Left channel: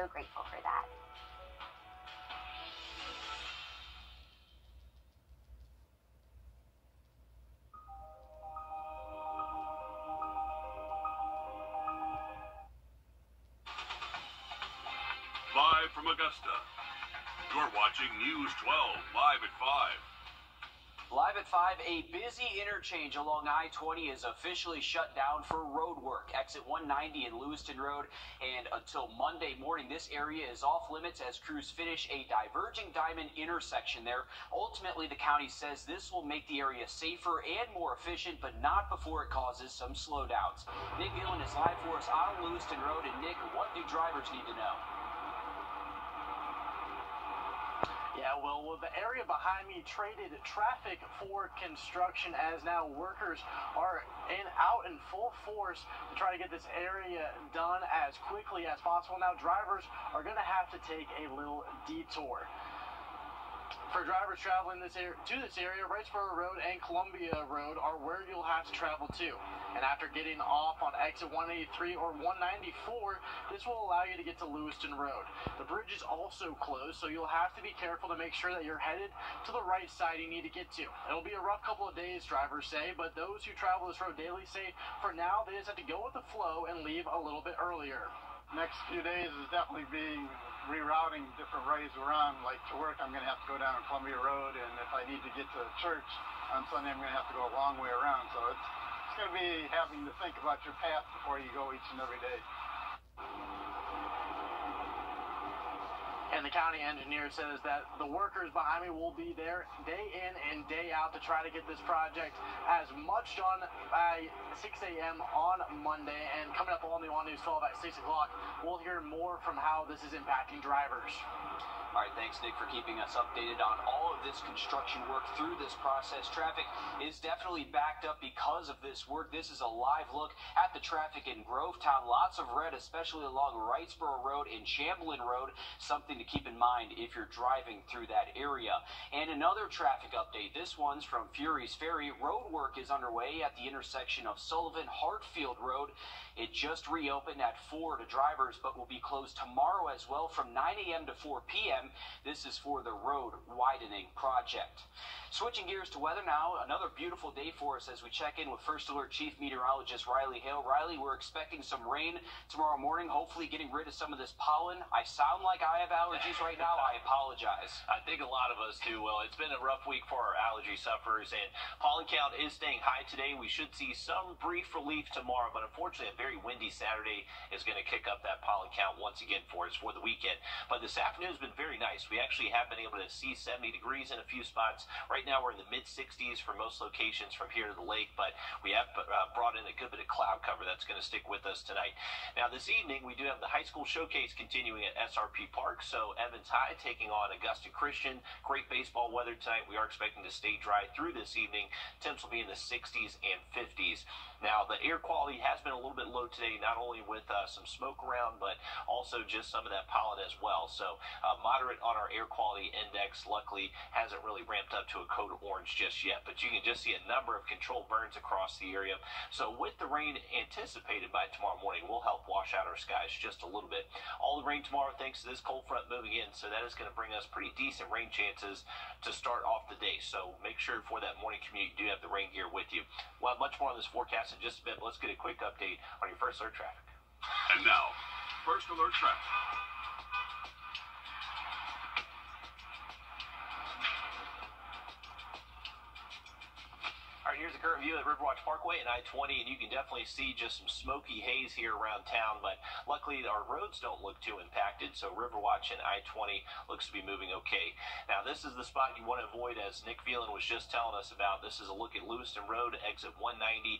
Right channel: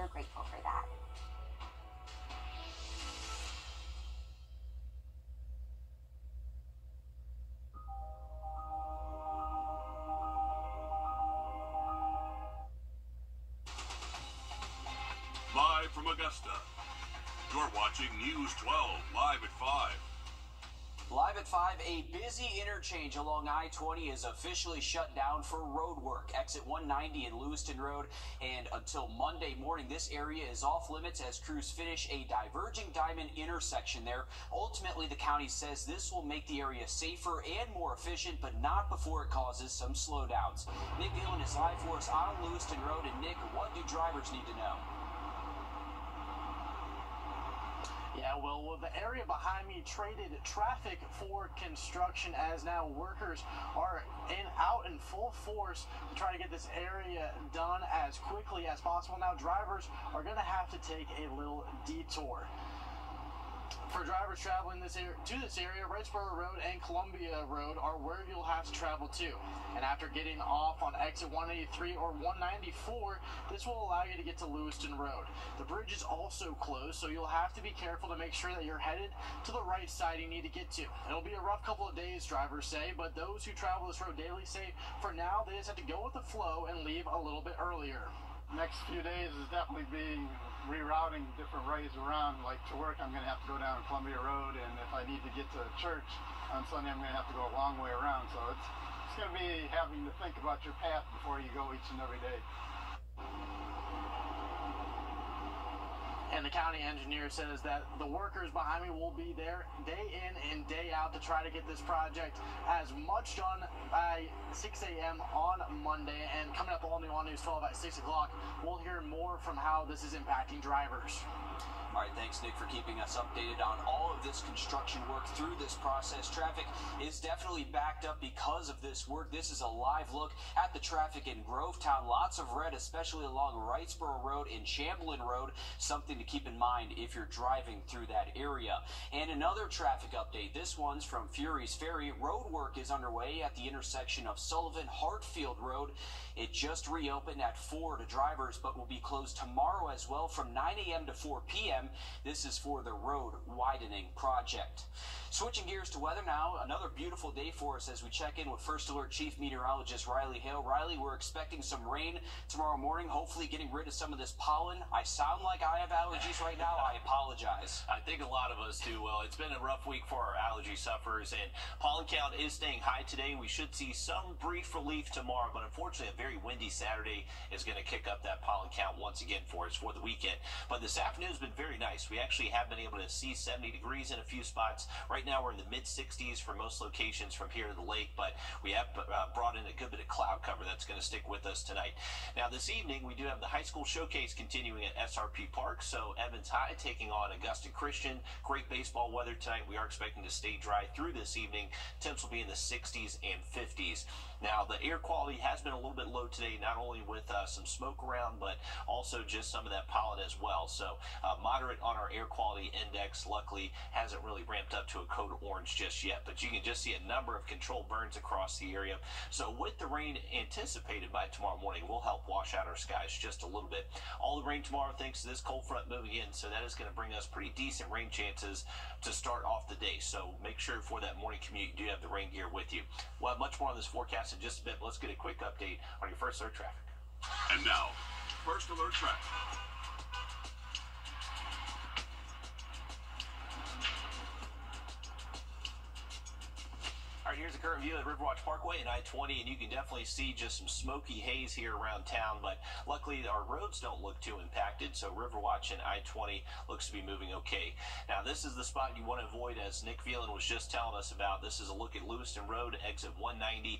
we're grateful for that. Live from Augusta, you're watching News 12 Live at 5. Live at 5, a busy interchange along I-20 is officially shut down for road work. Exit 190 and Lewiston Road, and until Monday morning, this area is off limits as crews finish a diverging diamond intersection there. Ultimately, the county says this will make the area safer and more efficient, but not before it causes some slowdowns. Nick Gillen is live for us on Lewiston Road, and Nick, what do drivers need to know? Yeah, well, the area behind me traded traffic for construction as now workers are out in full force to try to get this area done as quickly as possible. Now, drivers are going to have to take a little detour. For drivers traveling to this area, Wrightsboro Road and Columbia Road are where you'll have to travel to. And after getting off on exit 183 or 194, this will allow you to get to Lewiston Road. The bridge is also closed, so you'll have to be careful to make sure that you're headed to the right side you need to get to. It'll be a rough couple of days, drivers say, but those who travel this road daily say for now they just have to go with the flow and leave a little bit earlier. Next few days is definitely being rerouting different ways around. Like to work, I'm going to have to go down Columbia Road, and if I need to get to church on Sunday, I'm going to have to go a long way around. So it's going to be having to think about your path before you go each and every day. And the county engineer says that the workers behind me will be there day in and day out to try to get this project as much done by 6 a.m. on Monday. And coming up on the All News 12 at 6 o'clock, we'll hear more from how this is impacting drivers. All right, thanks, Nick, for keeping us updated on all of this construction work through this process. Traffic is definitely backed up because of this work. This is a live look at the traffic in Grovetown. Lots of red, especially along Wrightsboro Road and Chamberlain Road. Something to keep in mind if you're driving through that area. And another traffic update. This one's from Fury's Ferry. Road work is underway at the intersection of Sullivan-Hartfield Road. It just reopened at 4 to drivers, but will be closed tomorrow as well from 9 a.m. to 4 p.m. This is for the road widening project. Switching gears to weather now, another beautiful day for us as we check in with First Alert Chief Meteorologist Riley Hale. Riley, we're expecting some rain tomorrow morning, hopefully getting rid of some of this pollen. I sound like I have allergies right now. I apologize. I think a lot of us do. Well, it's been a rough week for our allergy sufferers, and pollen count is staying high today. We should see some brief relief tomorrow, but unfortunately a very windy Saturday is going to kick up that pollen count once again for us for the weekend. But this afternoon has been very nice. We actually have been able to see 70 degrees in a few spots. Right now we're in the mid-60s for most locations from here to the lake, but we have brought in a good bit of cloud cover that's going to stick with us tonight. Now this evening we do have the high school showcase continuing at SRP Park, so Evans High taking on Augusta Christian. Great baseball weather tonight. We are expecting to stay dry through this evening. Temps will be in the 60s and 50s. Now the air quality has been a little bit low today, not only with some smoke around, but also just some of that pollen as well. So moderate on our air quality index. Luckily hasn't really ramped up to a code orange just yet, but you can just see a number of controlled burns across the area. So with the rain anticipated by tomorrow morning, will help wash out our skies just a little bit. All the rain tomorrow thanks to this cold front moving in, so that is going to bring us pretty decent rain chances to start off the day. So make sure for that morning commute you do have the rain gear with you. We'll have much more on this forecast in just a bit. Let's get a quick update on your First Alert traffic. And now, First Alert traffic. All right, here's the current view of Riverwatch Parkway and I-20, and you can definitely see just some smoky haze here around town, but luckily our roads don't look too impacted, so Riverwatch and I-20 looks to be moving okay. Now, this is the spot you want to avoid, as Nick Phelan was just telling us about. This is a look at Lewiston Road, exit 190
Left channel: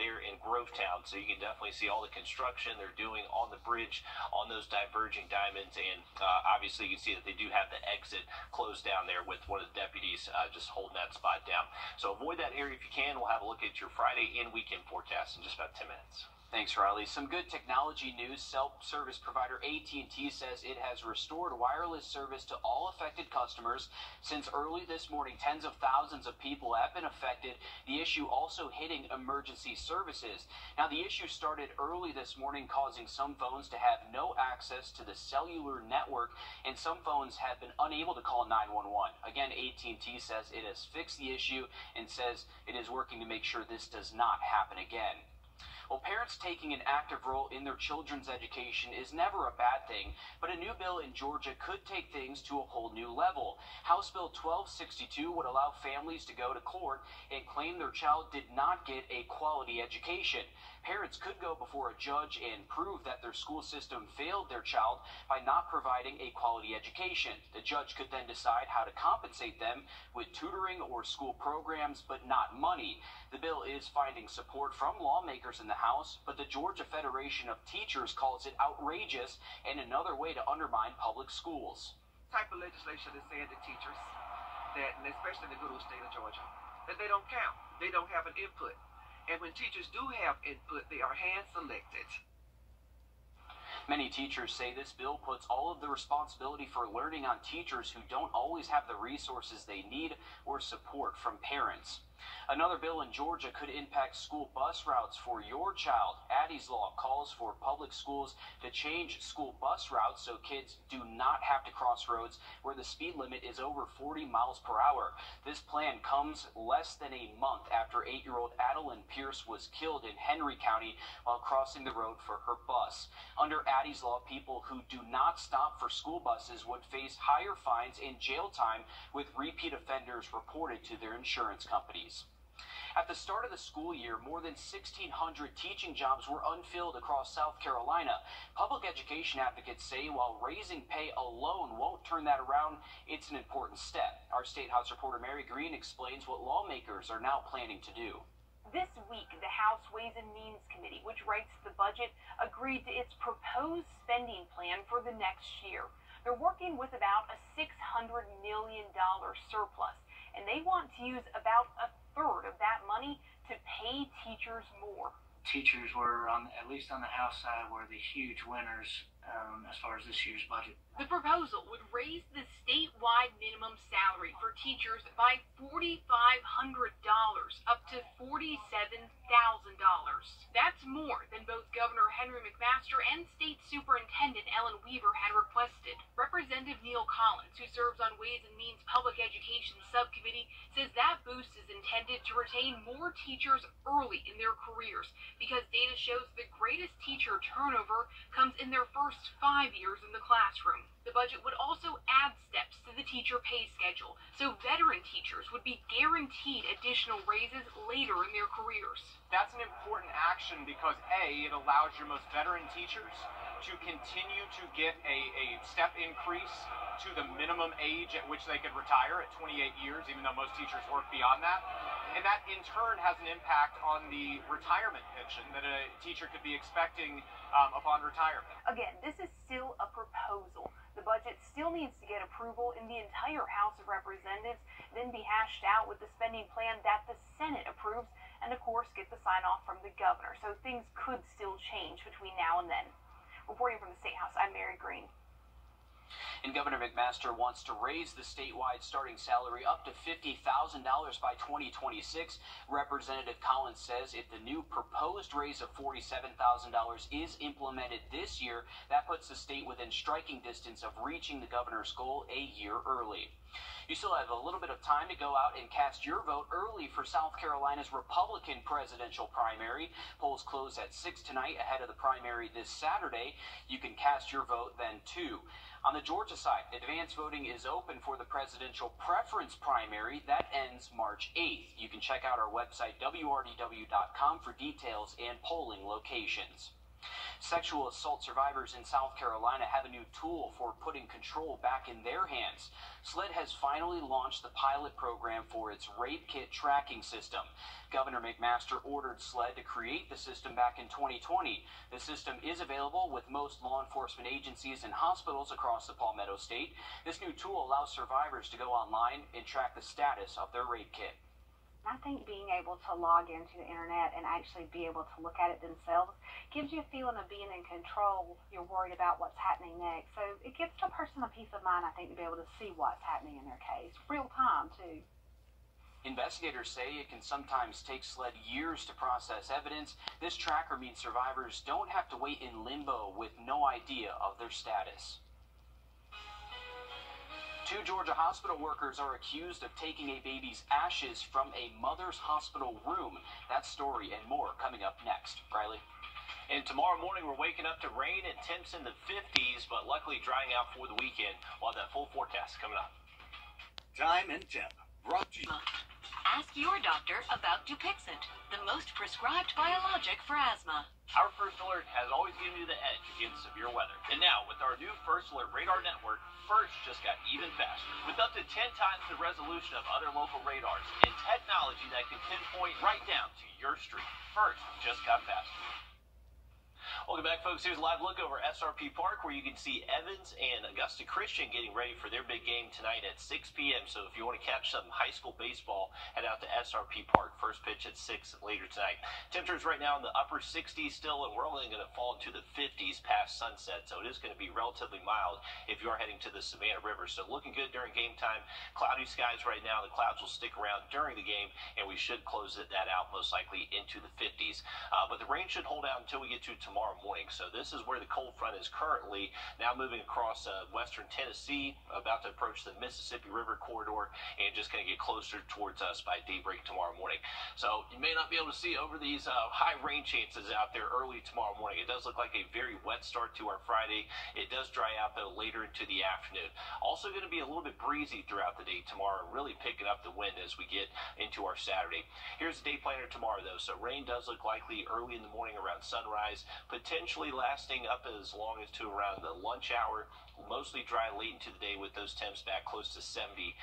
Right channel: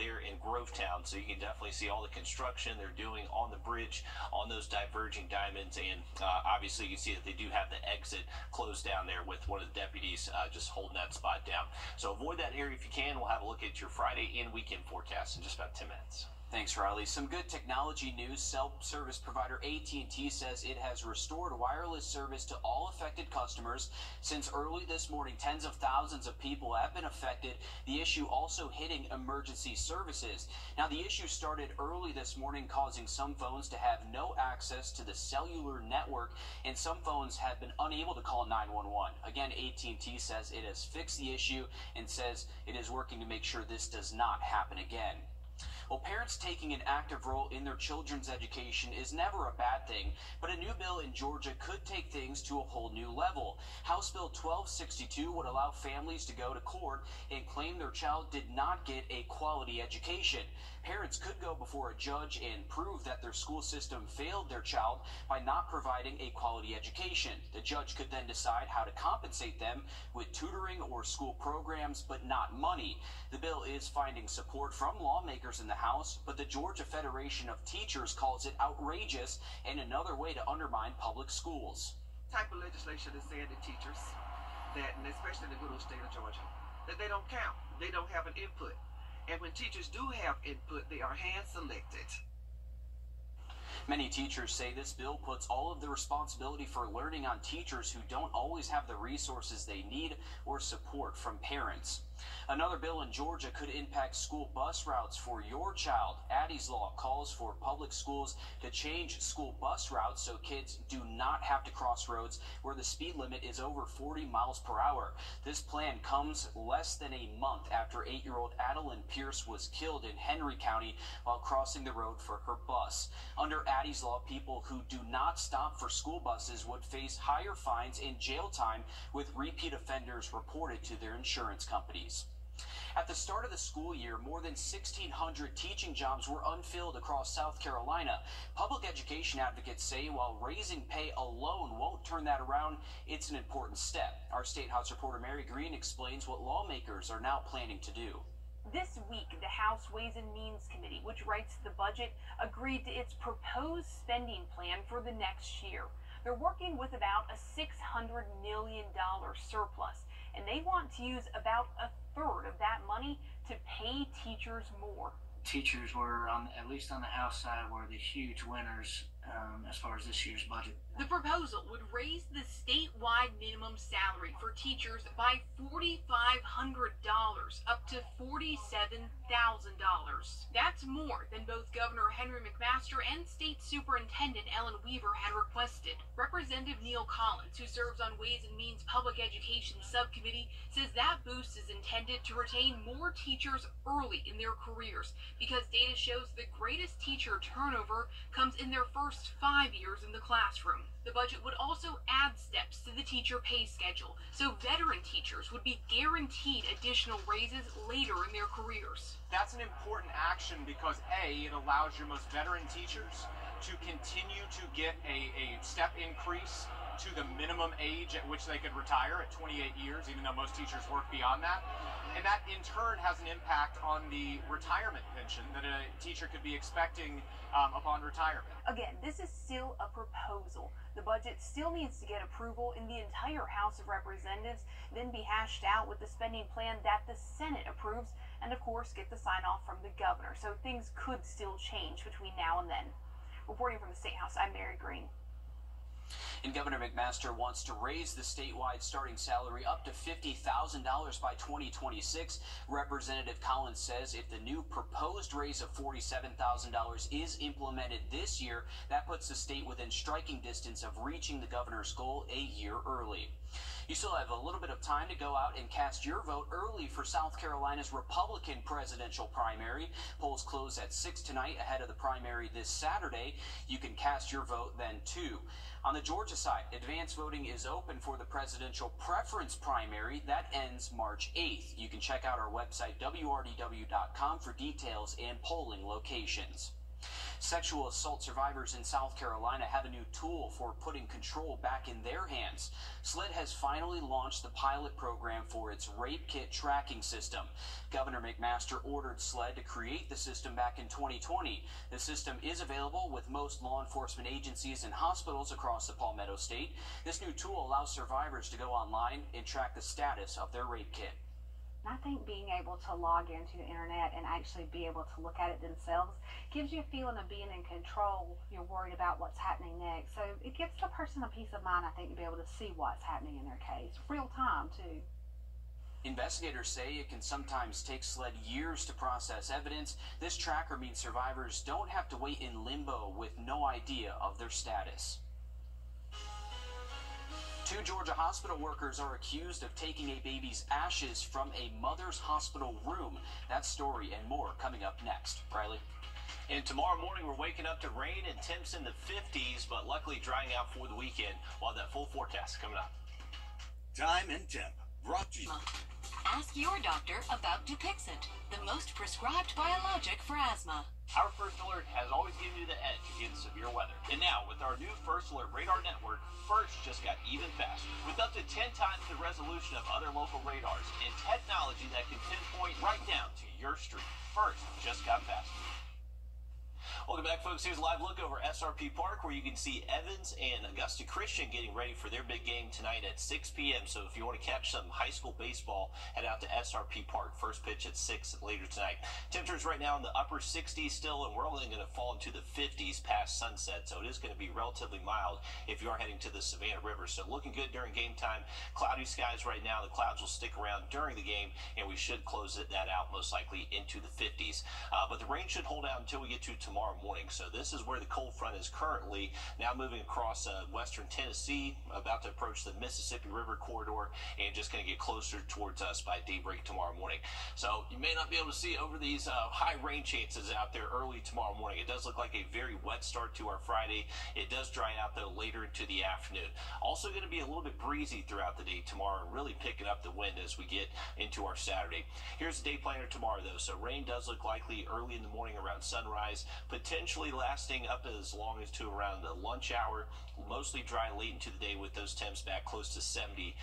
there in Grovetown, so you can definitely see all the construction they're doing on the bridge on those diverging diamonds, and obviously you can see that they do have the exit closed down there with one of the deputies just holding that spot down. So avoid that area if you can. We'll have a look at your Friday and weekend forecast in just about 10 minutes. Thanks, Riley. Some good technology news. Self-service provider AT&T says it has restored wireless service to all affected customers. Since early this morning, tens of thousands of people have been affected. The issue also hitting emergency services. Now, the issue started early this morning, causing some phones to have no access to the cellular network, and some phones have been unable to call 911. Again, AT&T says it has fixed the issue and says it is working to make sure this does not happen again. Well, parents taking an active role in their children's education is never a bad thing, but a new bill in Georgia could take things to a whole new level. House Bill 1262 would allow families to go to court and claim their child did not get a quality education. Parents could go before a judge and prove that their school system failed their child by not providing a quality education. The judge could then decide how to compensate them with tutoring or school programs, but not money. The bill is finding support from lawmakers in the House, but the Georgia Federation of Teachers calls it outrageous and another way to undermine public schools. Type of legislation is saying to teachers that, and especially in the good old state of Georgia, that they don't count. They don't have an input. And when teachers do have input, they are hand-selected. Many teachers say this bill puts all of the responsibility for learning on teachers who don't always have the resources they need or support from parents. Another bill in Georgia could impact school bus routes for your child. Addie's Law calls for public schools to change school bus routes so kids do not have to cross roads where the speed limit is over 40 miles per hour. This plan comes less than a month after 8-year-old Adeline Pierce was killed in Henry County while crossing the road for her bus. Under Addie's Law, people who do not stop for school buses would face higher fines and jail time, with repeat offenders reported to their insurance companies. At the start of the school year, more than 1,600 teaching jobs were unfilled across South Carolina. Public education advocates say while raising pay alone won't turn that around, it's an important step. Our State House reporter Mary Green explains what lawmakers are now planning to do. This week, the House Ways and Means Committee, which writes the budget, agreed to its proposed spending plan for the next year. They're working with about a $600 million surplus, and they want to use about a third of that money to pay teachers more. Teachers were, at least on the House side, were the huge winners as far as this year's budget. The proposal would raise the statewide minimum salary for teachers by $4,500 up to $47,000. That's more than both Governor Henry McMaster and State Superintendent Ellen Weaver had requested. Representative Neil Collins, who serves on Ways and Means Public Education Subcommittee, says that boost is intended to retain more teachers early in their careers because data shows the greatest teacher turnover comes in their first 5 years in the classroom. The budget would also add steps to the teacher pay schedule, so veteran teachers would be guaranteed additional raises later in their careers. That's an important action because A, it allows your most veteran teachers to continue to get a step increase to the minimum age at which they could retire at 28 years, even though most teachers work beyond that. And that in turn has an impact on the retirement pension that a teacher could be expecting upon retirement. Again, this is still a proposal. The budget still needs to get approval in the entire House of Representatives, then be hashed out with the spending plan that the Senate approves, and of course get the sign-off from the governor. So things could still change between now and then. Reporting from the State House, I'm Mary Green. And Governor McMaster wants to raise the statewide starting salary up to $50,000 by 2026. Representative Collins says if the new proposed raise of $47,000 is implemented this year, that puts the state within striking distance of reaching the governor's goal a year early. You still have a little bit of time to go out and cast your vote early for South Carolina's Republican presidential primary. Polls close at 6 tonight ahead of the primary this Saturday. You can cast your vote then too. On the Georgia side, advance voting is open for the presidential preference primary. That ends March 8th. You can check out our website, WRDW.com, for details and polling locations. Sexual assault survivors in South Carolina have a new tool for putting control back in their hands. SLED has finally launched the pilot program for its rape kit tracking system. Governor McMaster ordered SLED to create the system back in 2020. The system is available with most law enforcement agencies and hospitals across the Palmetto State. This new tool allows survivors to go online and track the status of their rape kit. And I think being able to log into the internet and actually be able to look at it themselves gives you a feeling of being in control. You're worried about what's happening next. So it gives the person a peace of mind, I think, to be able to see what's happening in their case. Real time, too. Investigators say it can sometimes take SLED years to process evidence. This tracker means survivors don't have to wait in limbo with no idea of their status. 2 Georgia hospital workers are accused of taking a baby's ashes from a mother's hospital room. That story and more coming up next. Riley? And tomorrow morning, we're waking up to rain and temps in the 50s, but luckily drying out for the weekend. We'll have that full forecast coming up. Time and temp. Brought to you. Ask your doctor about Dupixent, the most prescribed biologic for asthma. Our First Alert has always given you the edge against severe weather. And now, with our new First Alert radar network, First just got even faster. With up to 10 times the resolution of other local radars and technology that can pinpoint right down to your street, First just got faster. Welcome back, folks. Here's a live look over SRP Park, where you can see Evans and Augusta Christian getting ready for their big game tonight at 6 p.m. So if you want to catch some high school baseball, head out to SRP Park. First pitch at 6 later tonight. Temperatures right now in the upper 60s still, and we're only going to fall into the 50s past sunset. So it is going to be relatively mild if you are heading to the Savannah River. So looking good during game time. Cloudy skies right now. The clouds will stick around during the game, and we should close that out most likely into the 50s. But the rain should hold out until we get to tomorrow morning. So this is where the cold front is currently, now moving across western Tennessee, about to approach the Mississippi River corridor, and just going to get closer towards us by daybreak tomorrow morning. So you may not be able to see over these high rain chances out there early tomorrow morning. It does look like a very wet start to our Friday. It does dry out though later into the afternoon. Also going to be a little bit breezy throughout the day tomorrow, really picking up the wind as we get into our Saturday. Here's the day planner tomorrow though. So rain does look likely early in the morning around sunrise, potentially lasting up as long as to around the lunch hour. Mostly dry late into the day with those temps back close to 70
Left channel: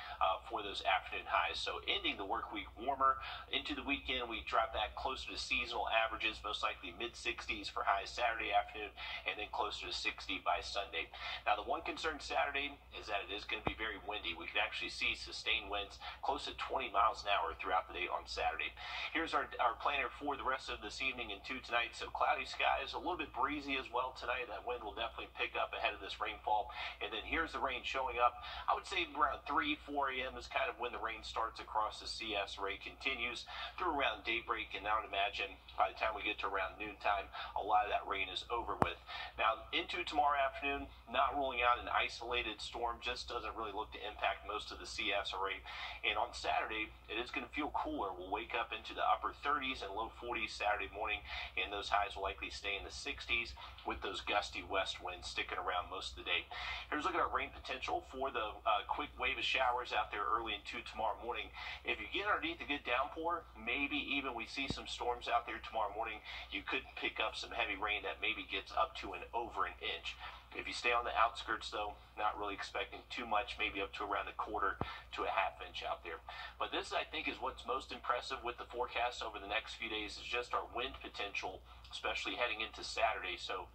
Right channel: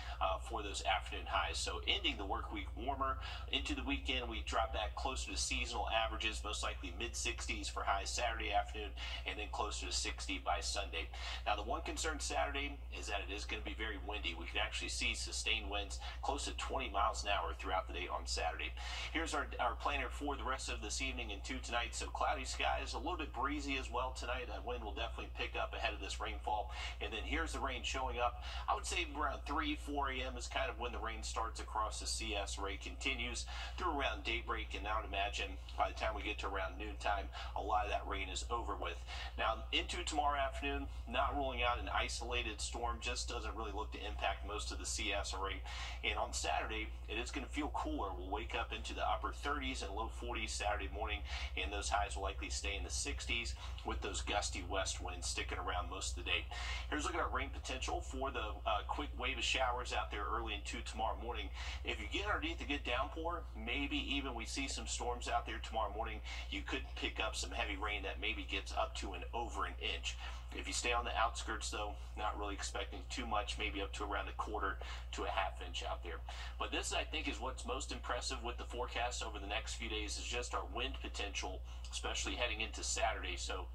for those afternoon highs. So ending the work week warmer. Into the weekend, we drop back closer to seasonal averages, most likely mid-60s for highs Saturday afternoon, and then closer to 60 by Sunday. Now, the one concern Saturday is that it is going to be very windy. We can actually see sustained winds close to 20 miles an hour throughout the day on Saturday. Here's our planner for the rest of this evening and to tonight. So cloudy skies, a little bit breezy as well tonight. That wind will definitely pick up ahead of this rainfall. And then here's the rain showing up. I would say around 3, 4 a.m. is kind of when the rain starts across the CS. Rain continues through around daybreak, and I would imagine by the time we get to around noontime, a lot of that rain is over with. Now, into tomorrow afternoon, not ruling out an isolated storm, just doesn't really look to impact most of the CS array. And on Saturday, it is going to feel cooler. We'll wake up into the upper 30s and low 40s Saturday morning, and those highs will likely stay in the 60s with those gusty west winds sticking around most of the day. Here's a look at our rain potential for the quick wave of showers out there early into tomorrow morning. If you get underneath a good downpour, maybe even we see some storms out there tomorrow morning, you could pick up some heavy rain that maybe gets up to over an inch. If you stay on the outskirts, though, not really expecting too much, maybe up to around a quarter to a half inch out there. But this, I think, is what's most impressive with the forecast over the next few days is just our wind potential, especially heading into Saturday. So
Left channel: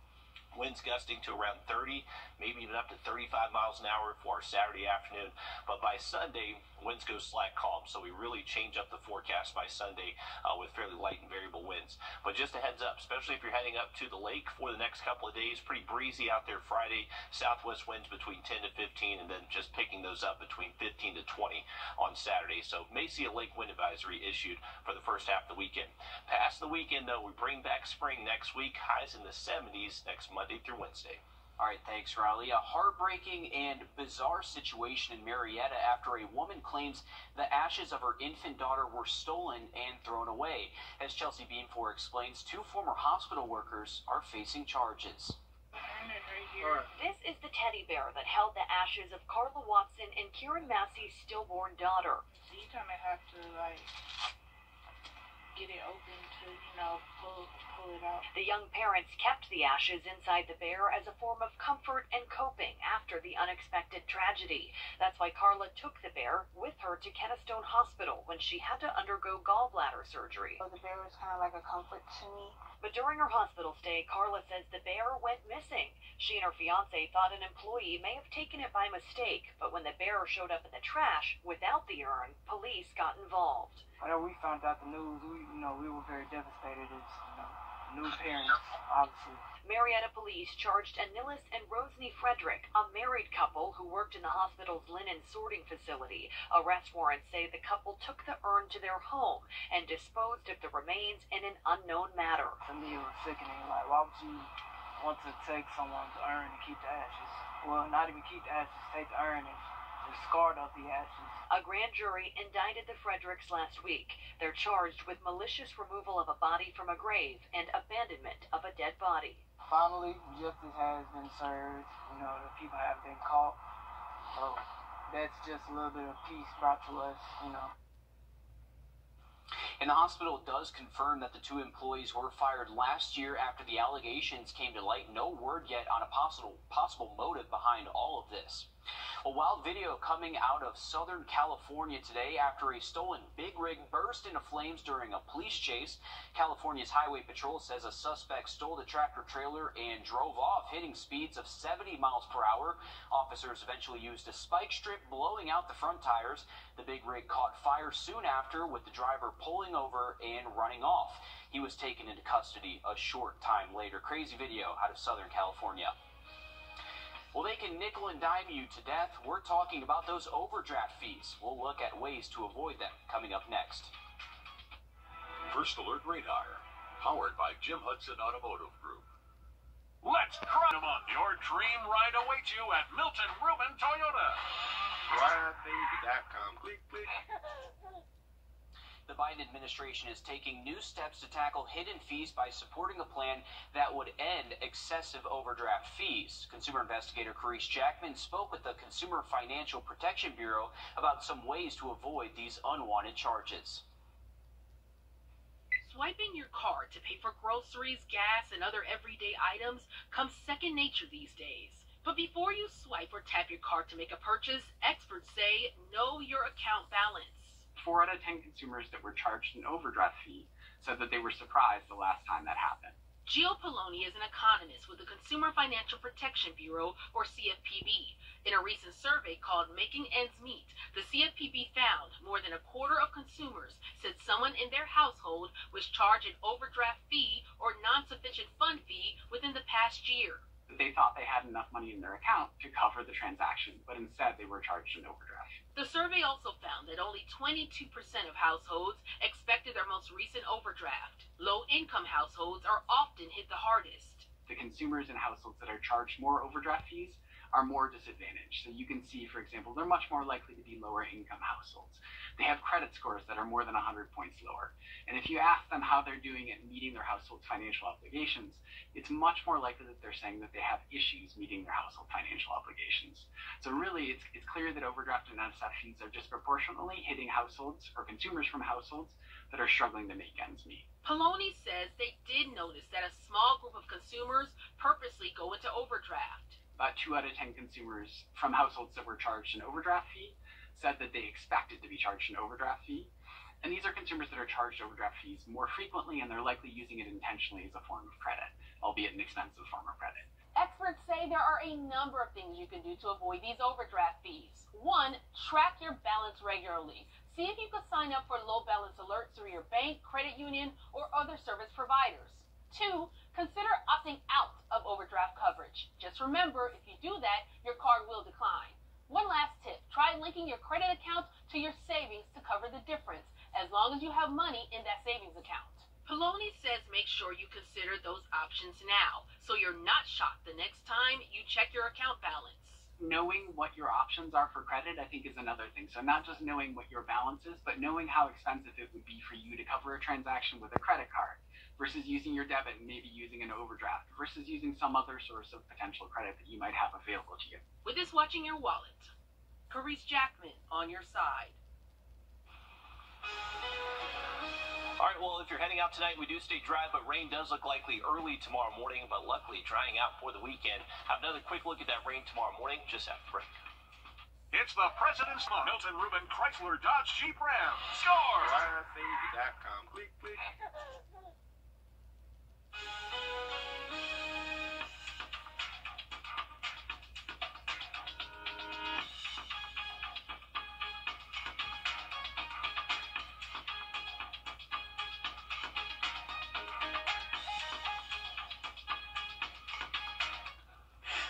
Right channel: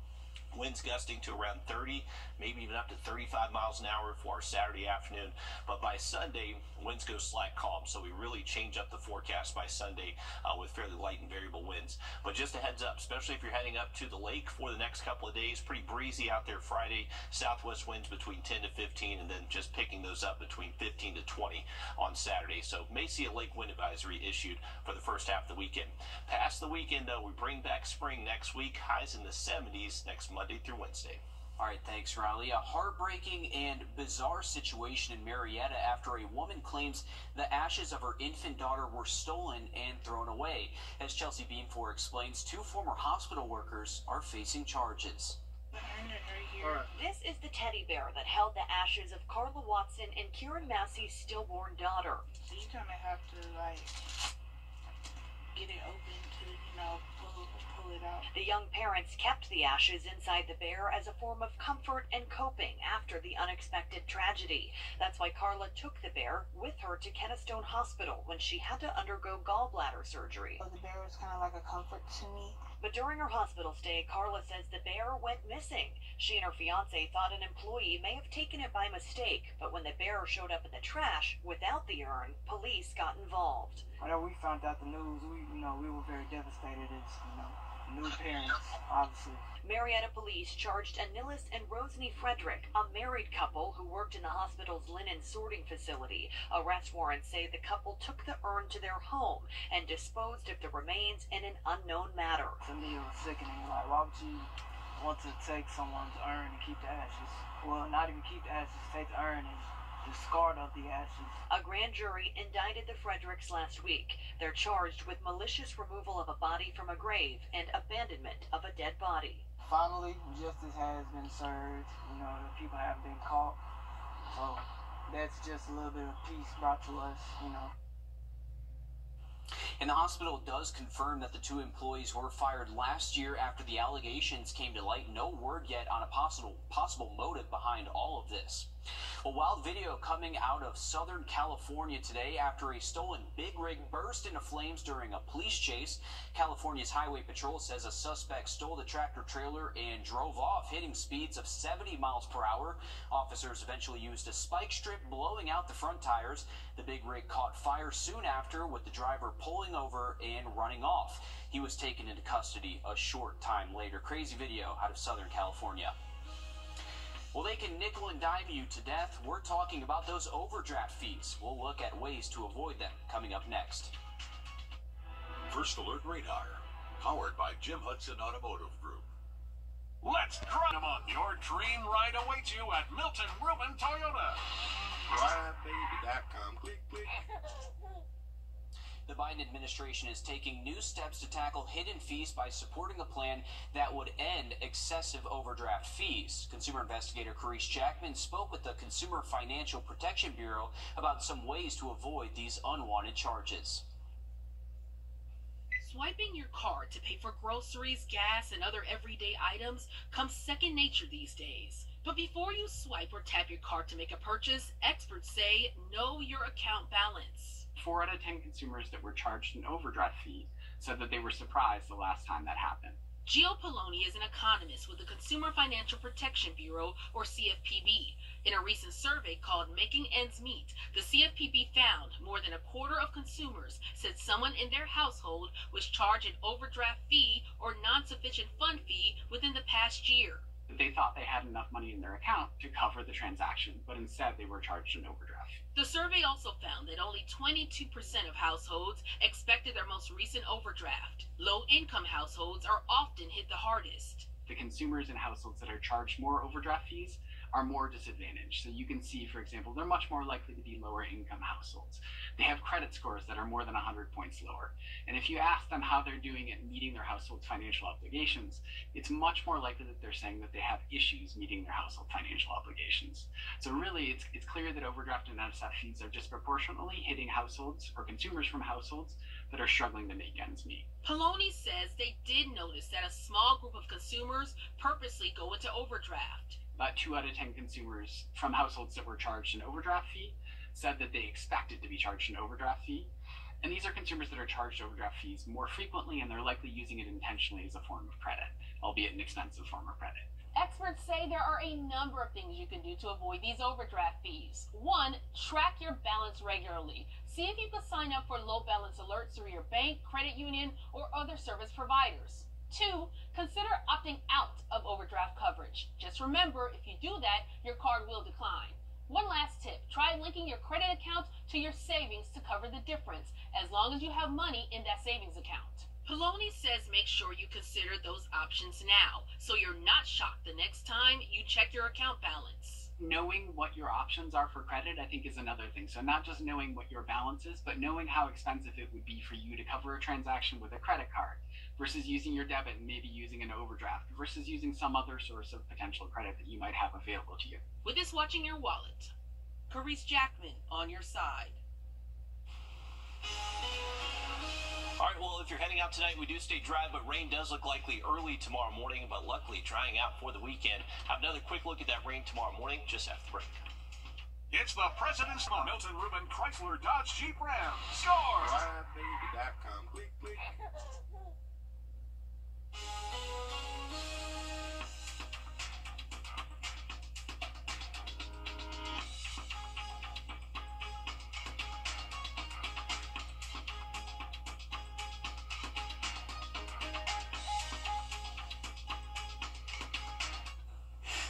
winds gusting to around 30, maybe even up to 35 miles an hour for our Saturday afternoon. But by Sunday, winds go slack calm. So we really change up the forecast by Sunday with fairly light and variable winds. But just a heads up, especially if you're heading up to the lake for the next couple of days, pretty breezy out there Friday. Southwest winds between 10 to 15, and then just picking those up between 15 to 20 on Saturday. So may see a lake wind advisory issued for the first half of the weekend. Past the weekend, though, we bring back spring next week. Highs in the 70s next Monday through Wednesday. All right, thanks, Riley. A heartbreaking and bizarre situation in Marietta after a woman claims the ashes of her infant daughter were stolen and thrown away. As Chelsea Beanfor explains, 2 former hospital workers are facing charges. Right. This is the teddy bear that held the ashes of Carla Watson and Kieran Massey's stillborn daughter. So you kind of have to, like, get it open to, pull pull it out. The young parents kept the ashes inside the bear as a form of comfort and coping after the unexpected tragedy. That's why Carla took the bear with her to Kennestone Hospital when she had to undergo gallbladder surgery. So the bear was kind of like a comfort to me. But during her hospital stay, Carla says the bear went missing. She and her fiance thought an employee may have taken it by mistake, but when the bear showed up in the trash without the urn, police got involved. Whenever we found out the news, we were very devastated as, new parents, obviously. Marietta police charged Anilis and Rosny Frederick, a married couple who worked in the hospital's linen sorting facility. Arrest warrants say the couple took the urn to their home and disposed of the remains in an unknown manner. To me, it was sickening. Like, why would you want to take someone's urn and keep the ashes? Well, not even keep the ashes, take the urn and discard of the ashes. A grand jury indicted the Fredericks last week. They're charged with malicious removal of a body from a grave and abandonment of a dead body. Finally, justice has been served. The people have been caught. So that's just a little bit of peace brought to us, And the hospital does confirm that the two employees were fired last year after the allegations came to light. No word yet on a possible motive behind all of this. A wild video coming out of Southern California today after a stolen big rig burst into flames during a police chase. California's Highway Patrol says a suspect stole the tractor trailer and drove off, hitting speeds of 70 miles per hour. Officers eventually used a spike strip, blowing out the front tires. The big rig caught fire soon after, with the driver pulling over and running off. He was taken into custody a short time later. Crazy video out of Southern California. Well, they can nickel and dime you to death. We're talking about those overdraft fees. We'll look at ways to avoid them coming up next. First Alert Radar, powered by Jim Hudson Automotive Group. Let's drive them on. Your dream ride awaits you at Milton Ruben Toyota. RideBaby.com. Click, click. The Biden administration is taking new steps to tackle hidden fees by supporting a plan that would end excessive overdraft fees. Consumer investigator Carice Jackman spoke with the Consumer Financial Protection Bureau about some ways to avoid these unwanted charges. Swiping your card to pay for groceries, gas, and other everyday items comes second nature these days. But before you swipe or tap your card to make a purchase, experts say know your account balance. 4 out of 10 consumers that were charged an overdraft fee said that they were surprised the last time that happened. Gio Poloni is an economist with the Consumer Financial Protection Bureau, or CFPB. In a recent survey called Making Ends Meet, the CFPB found more than a quarter of consumers said someone in their household was charged an overdraft fee or non-sufficient fund fee within the past year. They thought they had enough money in their account to cover the transaction, but instead they were charged an overdraft. The survey also found that only 22% of households expected their most recent overdraft. Low-income households are often hit the hardest. The consumers in households that are charged more overdraft fees are more disadvantaged. So you can see, for example, they're much more likely to be lower income households. They have credit scores that are more than 100 points lower. And if you ask them how they're doing at meeting their household's financial obligations, it's much more likely that they're saying that they have issues meeting their household financial obligations. So really, it's clear that overdraft and NSF fees are disproportionately hitting households or consumers from households that are struggling to make ends meet. Poloni says they did notice that a small group of consumers purposely go into overdraft. About 2 out of 10 consumers from households that were charged an overdraft fee said that they expected to be charged an overdraft fee. And these are consumers that are charged overdraft fees more frequently, and they're likely using it intentionally as a form of credit, albeit an expensive form of credit. Experts say there are a number of things you can do to avoid these overdraft fees. 1, track your balance regularly. See if you can sign up for low balance alerts through your bank, credit union, or other service providers. 2, consider opting out of overdraft coverage. Just remember, if you do that, your card will decline. One last tip, try linking your credit account to your savings to cover the difference, as long as you have money in that savings account. Poloni says make sure you consider those options now, so you're not shocked the next time you check your account balance. Knowing what your options are for credit, I think, is another thing. So not just knowing what your balance is, but knowing how expensive it would be for you to cover a transaction with a credit card versus using your debit and maybe using an overdraft versus using some other source of potential credit that you might have available to you. With this watching your wallet, Carice Jackman on your side. All right, well, if you're heading out tonight, we do stay dry, but rain does look likely early tomorrow morning, but luckily drying out for the weekend. Have another quick look at that rain tomorrow morning, just after the break. It's the President's Month. Milton Ruben Chrysler Dodge Jeep Ram. Score! LiveBaby.com. Click, click.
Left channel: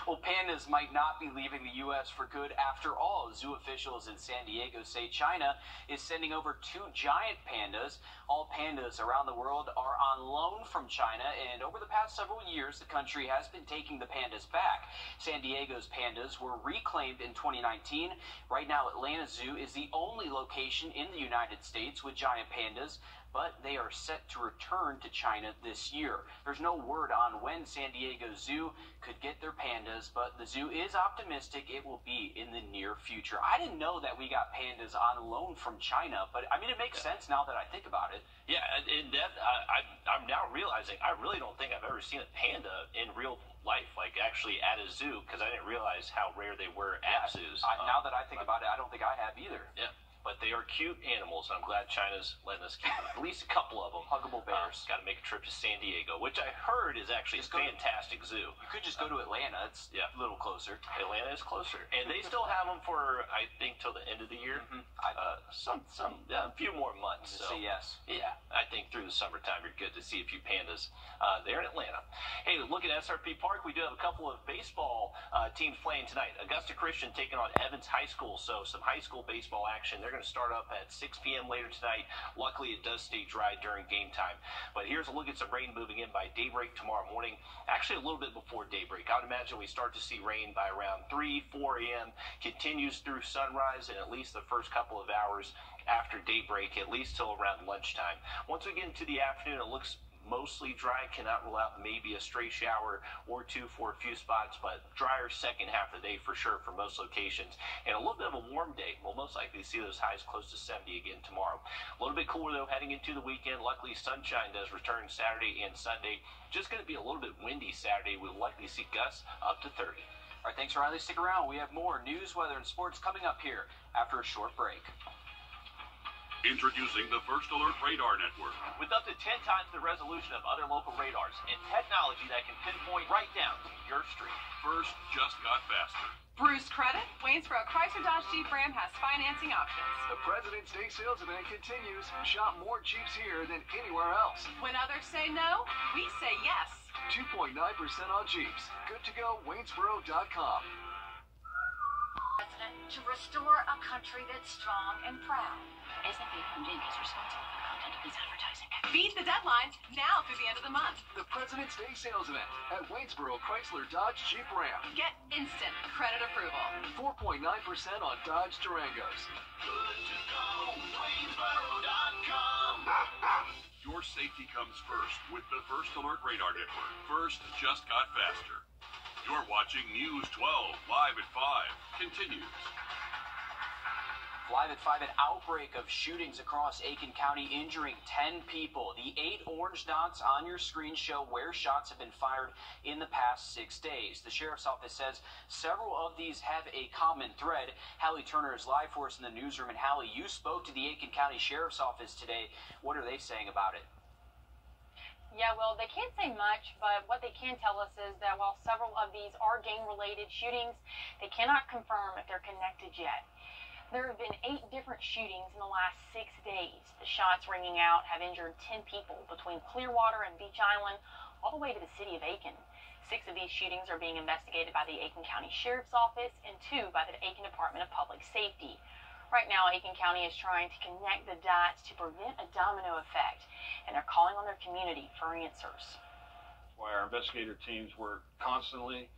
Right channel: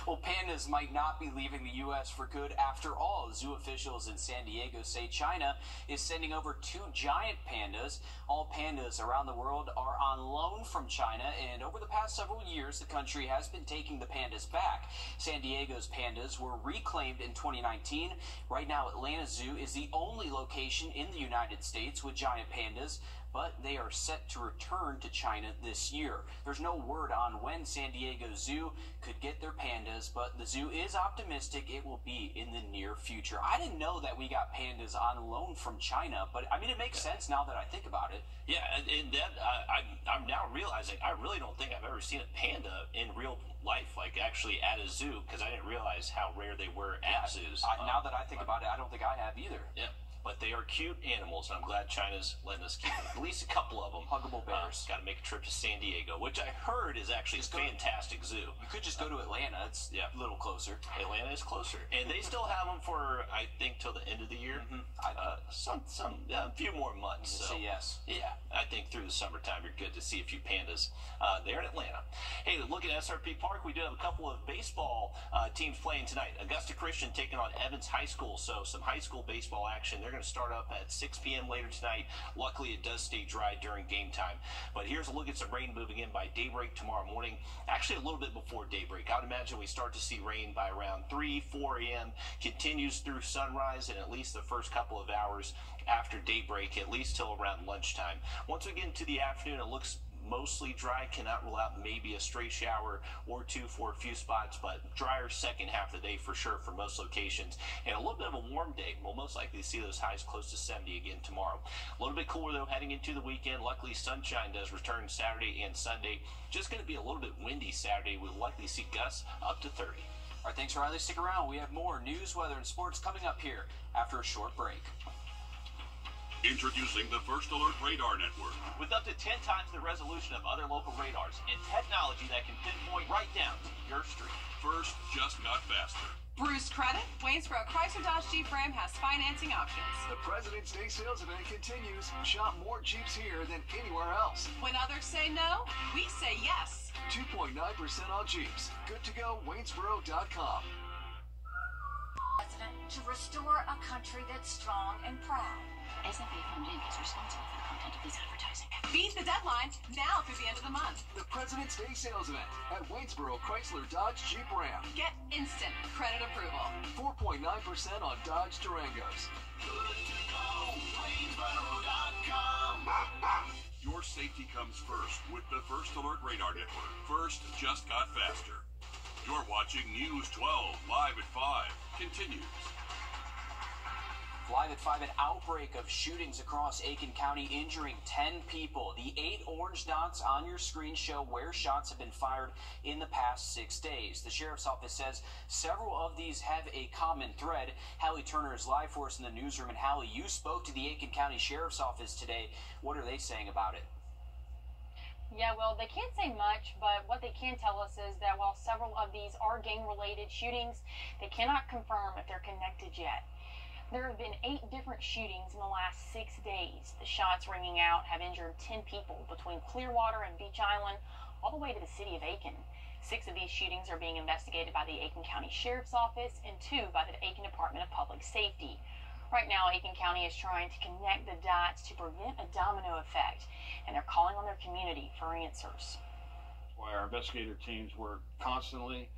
Well, pandas might not be leaving the U.S. for good after all. Zoo officials in San Diego say China is sending over 2 giant pandas. All pandas around the world are on loan from China, and over the past several years, the country has been taking the pandas back. San Diego's pandas were reclaimed in 2019. Right now, Atlanta Zoo is the only location in the United States with giant pandas, but they are set to return to China this year. There's no word on when San Diego Zoo could get their pandas, but the zoo is optimistic it will be in the near future. I didn't know that we got pandas on loan from China, but I mean, it makes sense now that I think about it. Yeah, and that I'm now realizing I really don't think I've ever seen a panda in real life, like actually at a zoo, because I didn't realize how rare they were at zoos. Now that I think about it, I don't think I have either. Yeah. But they are cute animals, and I'm glad China's letting us keep at least a couple of them. Huggable bears. Got to make a trip to San Diego, which I heard is actually a fantastic zoo. You could just go to Atlanta. It's a little closer. Atlanta is closer. And they still have them for, I think, till the end of the year. A few more months. So, yes. Yeah, I think through the summertime you're good to see a few pandas there in Atlanta. Hey, look at SRP Park. We do have a couple of baseball teams playing tonight. Augusta Christian taking on Evans High School. So some high school baseball action. They're going to start up at 6 p.m. later tonight. Luckily, it does stay dry during game time. But here's a look at some rain moving in by daybreak tomorrow morning. Actually, a little bit before daybreak. I would imagine we start to see rain by around 3, 4 a.m. Continues through sunrise and at least the first couple of hours after daybreak, at least till around lunchtime. Once we get into the afternoon, it looks mostly dry. Cannot rule out maybe a stray shower or two for a few spots, but drier second half of the day for sure for most locations. And a little bit of a warm day. We'll most likely see those highs close to 70 again tomorrow. A little bit cooler though heading into the weekend. Luckily, sunshine does return Saturday and Sunday. Just going to be a little bit windy Saturday. We'll likely see gusts up to 30. All right, thanks, Riley. Stick around. We have more news, weather, and sports coming up here after a short break. Introducing the First Alert Radar Network. With up to 10 times the resolution of other local radars and technology that can pinpoint right down to your street. First just got faster. Bruce Credit, Waynesboro Chrysler Dodge Jeep Ram has financing options. The President's Day sales event continues. Shop more Jeeps here than anywhere else. When others say no, we say yes. 2.9% on Jeeps. Good to go, Waynesboro.com. President, to restore a country that's strong and proud. SMP Fund Inc. is responsible for the content of this advertising. Beat the deadline now through the end of the month. The President's Day sales event at Waynesboro Chrysler Dodge Jeep Ram. Get instant credit approval. 4.9% on Dodge Durangos. Good to go, Waynesboro.com. Your safety comes first with the First Alert Radar Network. First just got faster. You're watching News 12 live at 5. Continues. Live at 5, an outbreak of shootings across Aiken County injuring 10 people. The 8 orange dots on your screen show where shots have been fired in the past 6 days. The Sheriff's Office says several of these have a common thread. Hallie Turner is live for us in the newsroom. And Hallie, you spoke to the Aiken County Sheriff's Office today. What are they saying about it? Yeah, well, they can't say much, but what they can tell us is that while several of these are gang-related shootings, they cannot confirm if they're connected yet. There have been 8 different shootings in the last 6 days. The shots ringing out have injured 10 people between Clearwater and Beach Island, all the way to the city of Aiken. 6 of these shootings are being investigated by the Aiken County Sheriff's Office and 2 by the Aiken Department of Public Safety. Right now, Aiken County is trying to connect the dots to prevent a domino effect, and they're calling on their community for answers. That's why our investigator teams work constantly.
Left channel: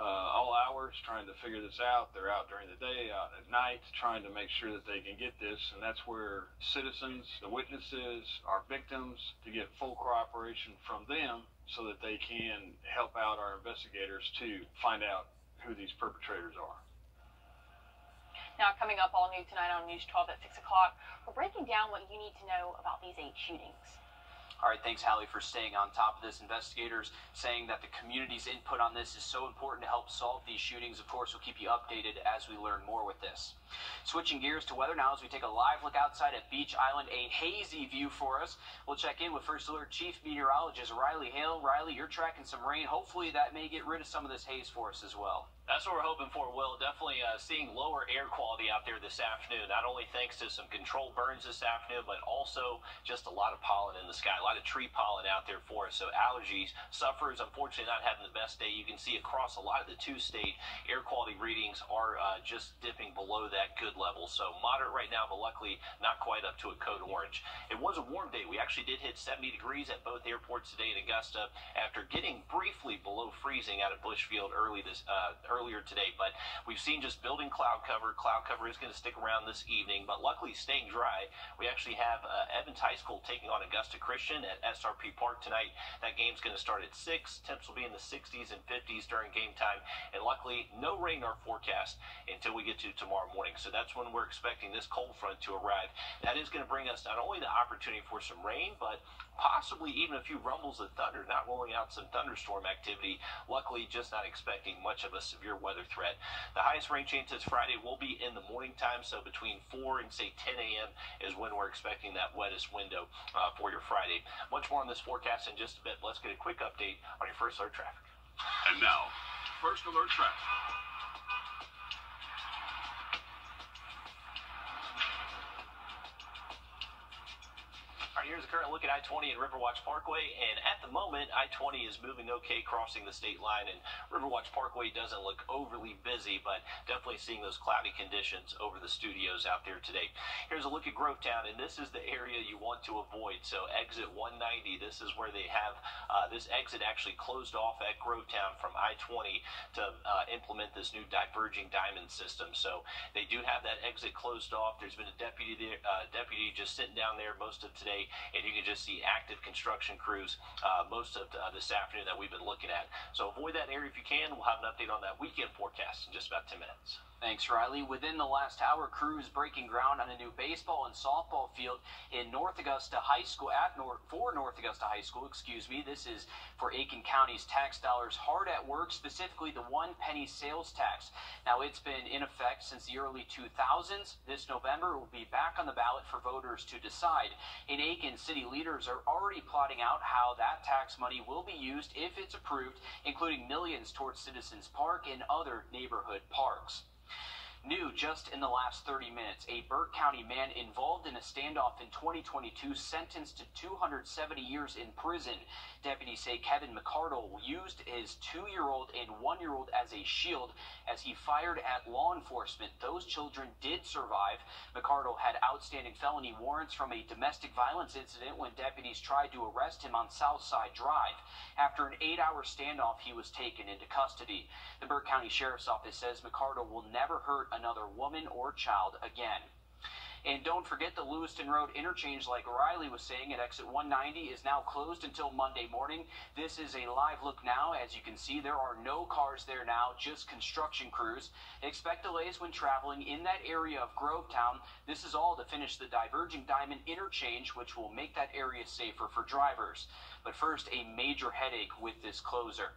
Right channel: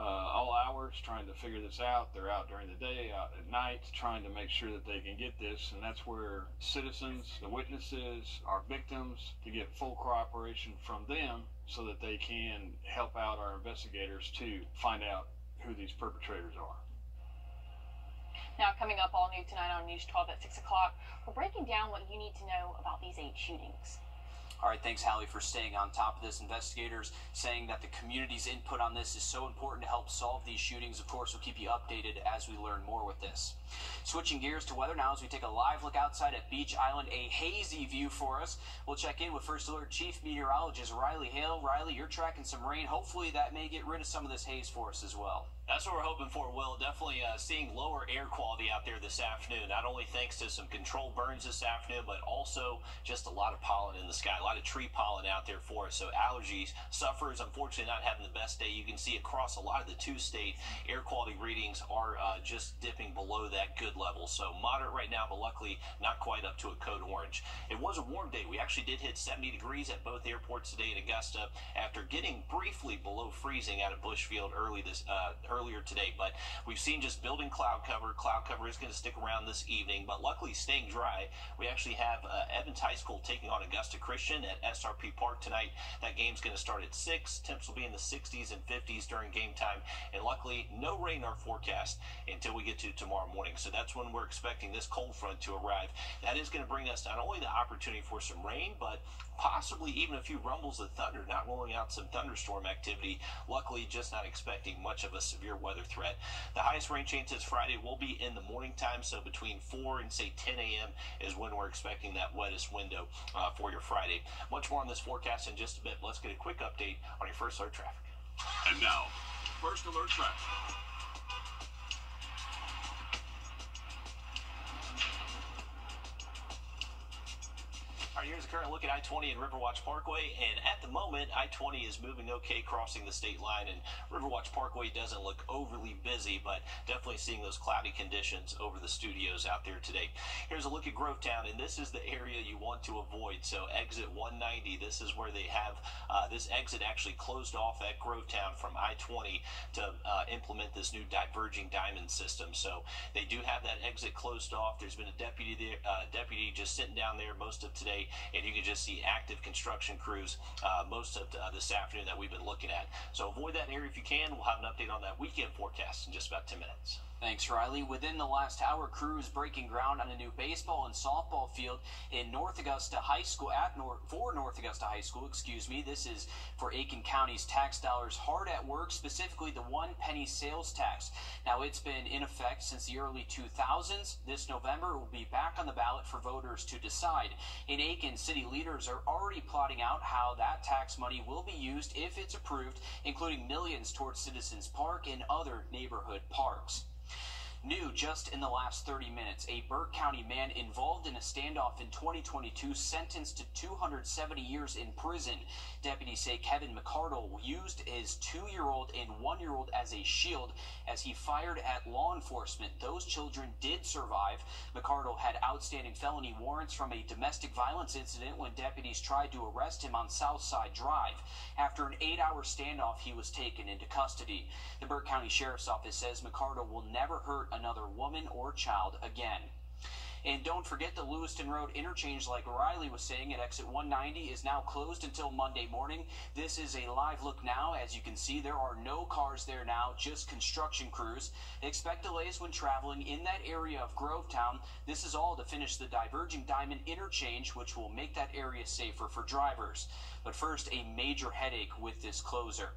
All hours trying to figure this out. They're out during the day, out at night, trying to make sure that they can get this, and that's where citizens, the witnesses, our victims, to get full cooperation from them so that they can help out our investigators to find out who these perpetrators are. Now, coming up all new tonight on News 12 at 6 o'clock, we're breaking down what you need to know about these 8 shootings. All right, thanks, Hallie, for staying on top of this. Investigators saying that the community's input on this is so important to help solve these shootings. Of course, we'll keep you updated as we learn more with this. Switching gears to weather now as we take a live look outside at Beach Island. A hazy view for us. We'll check in with First Alert Chief Meteorologist Riley Hale. Riley, you're tracking some rain. Hopefully that may get rid of some of this haze for us as well. That's what we're hoping for, Will. Definitely seeing lower air quality out there this afternoon, not only thanks to some controlled burns this afternoon, but also just a lot of pollen in the sky, a lot of tree pollen out there for us. So allergies, sufferers, unfortunately not having the best day. You can see across a lot of the 2-state air quality readings are just dipping below that good level. So moderate right now, but luckily not quite up to a code orange. It was a warm day. We actually did hit 70 degrees at both airports today in Augusta after getting briefly below freezing out at Bushfield earlier today, but we've seen just building cloud cover. Cloud cover is going to stick around this evening, but luckily staying dry. We actually have Evans High School taking on Augusta Christian at SRP Park tonight. That game's going to start at 6. Temps will be in the 60s and 50s during game time, and luckily no rain in our forecast until we get to tomorrow morning. So that's when we're expecting this cold front to arrive. That is going to bring us not only the opportunity for some rain, but possibly even a few rumbles of thunder, not rolling out some thunderstorm activity. Luckily, just not expecting much of a severe weather threat. The highest rain chances Friday will be in the morning time, so between 4 and say 10 a.m. is when we're expecting that wettest window for your Friday. Much more on this forecast in just a bit. Let's get a quick update on your First Alert traffic. And now, First Alert traffic. All right, here's a current look at I-20 and Riverwatch Parkway, and at the moment, I-20 is moving okay crossing the state line, and Riverwatch Parkway doesn't look overly busy, but definitely seeing those cloudy conditions over the studios out there today. Here's a look at Grovetown, and this is the area you want to avoid. So exit 190, this is where they have this exit actually closed off at Grovetown from I-20 to implement this new diverging diamond system. So they do have that exit closed off. There's been a deputy there, deputy just sitting down there most of today, and you can just see active construction crews most of this afternoon that we've been looking at. So avoid that area if you can. We'll have an update on that weekend forecast in just about 10 minutes. Thanks, Riley. Within the last hour, crews breaking ground on a new baseball and softball field in North Augusta High School, for North Augusta High School, excuse me. This is for Aiken County's tax dollars hard at work, specifically the 1-penny sales tax. Now, it's been in effect since the early 2000s. This November, it will be back on the ballot for voters to decide. In Aiken, city leaders are already plotting out how that tax money will be used if it's approved, including millions towards Citizens Park and other neighborhood parks. New just in the last 30 minutes, a Burke County man involved in a standoff in 2022 sentenced to 270 years in prison. Deputies say Kevin McCardle used his 2-year-old and 1-year-old as a shield as he fired at law enforcement. Those children did survive. McCardle had outstanding felony warrants from a domestic violence incident when deputies tried to arrest him on Southside Drive. After an 8-hour standoff, he was taken into custody. The Burke County Sheriff's Office says McCardle will never hurt another woman or child again. And don't forget the Lewiston Road interchange, like Riley was saying, at exit 190 is now closed until Monday morning. This is a live look now. As you can see, there are no cars there now, just construction crews. Expect delays when traveling in that area of Grovetown. This is all to finish the diverging diamond interchange, which will make that area safer for drivers. But first, a major headache with this closure.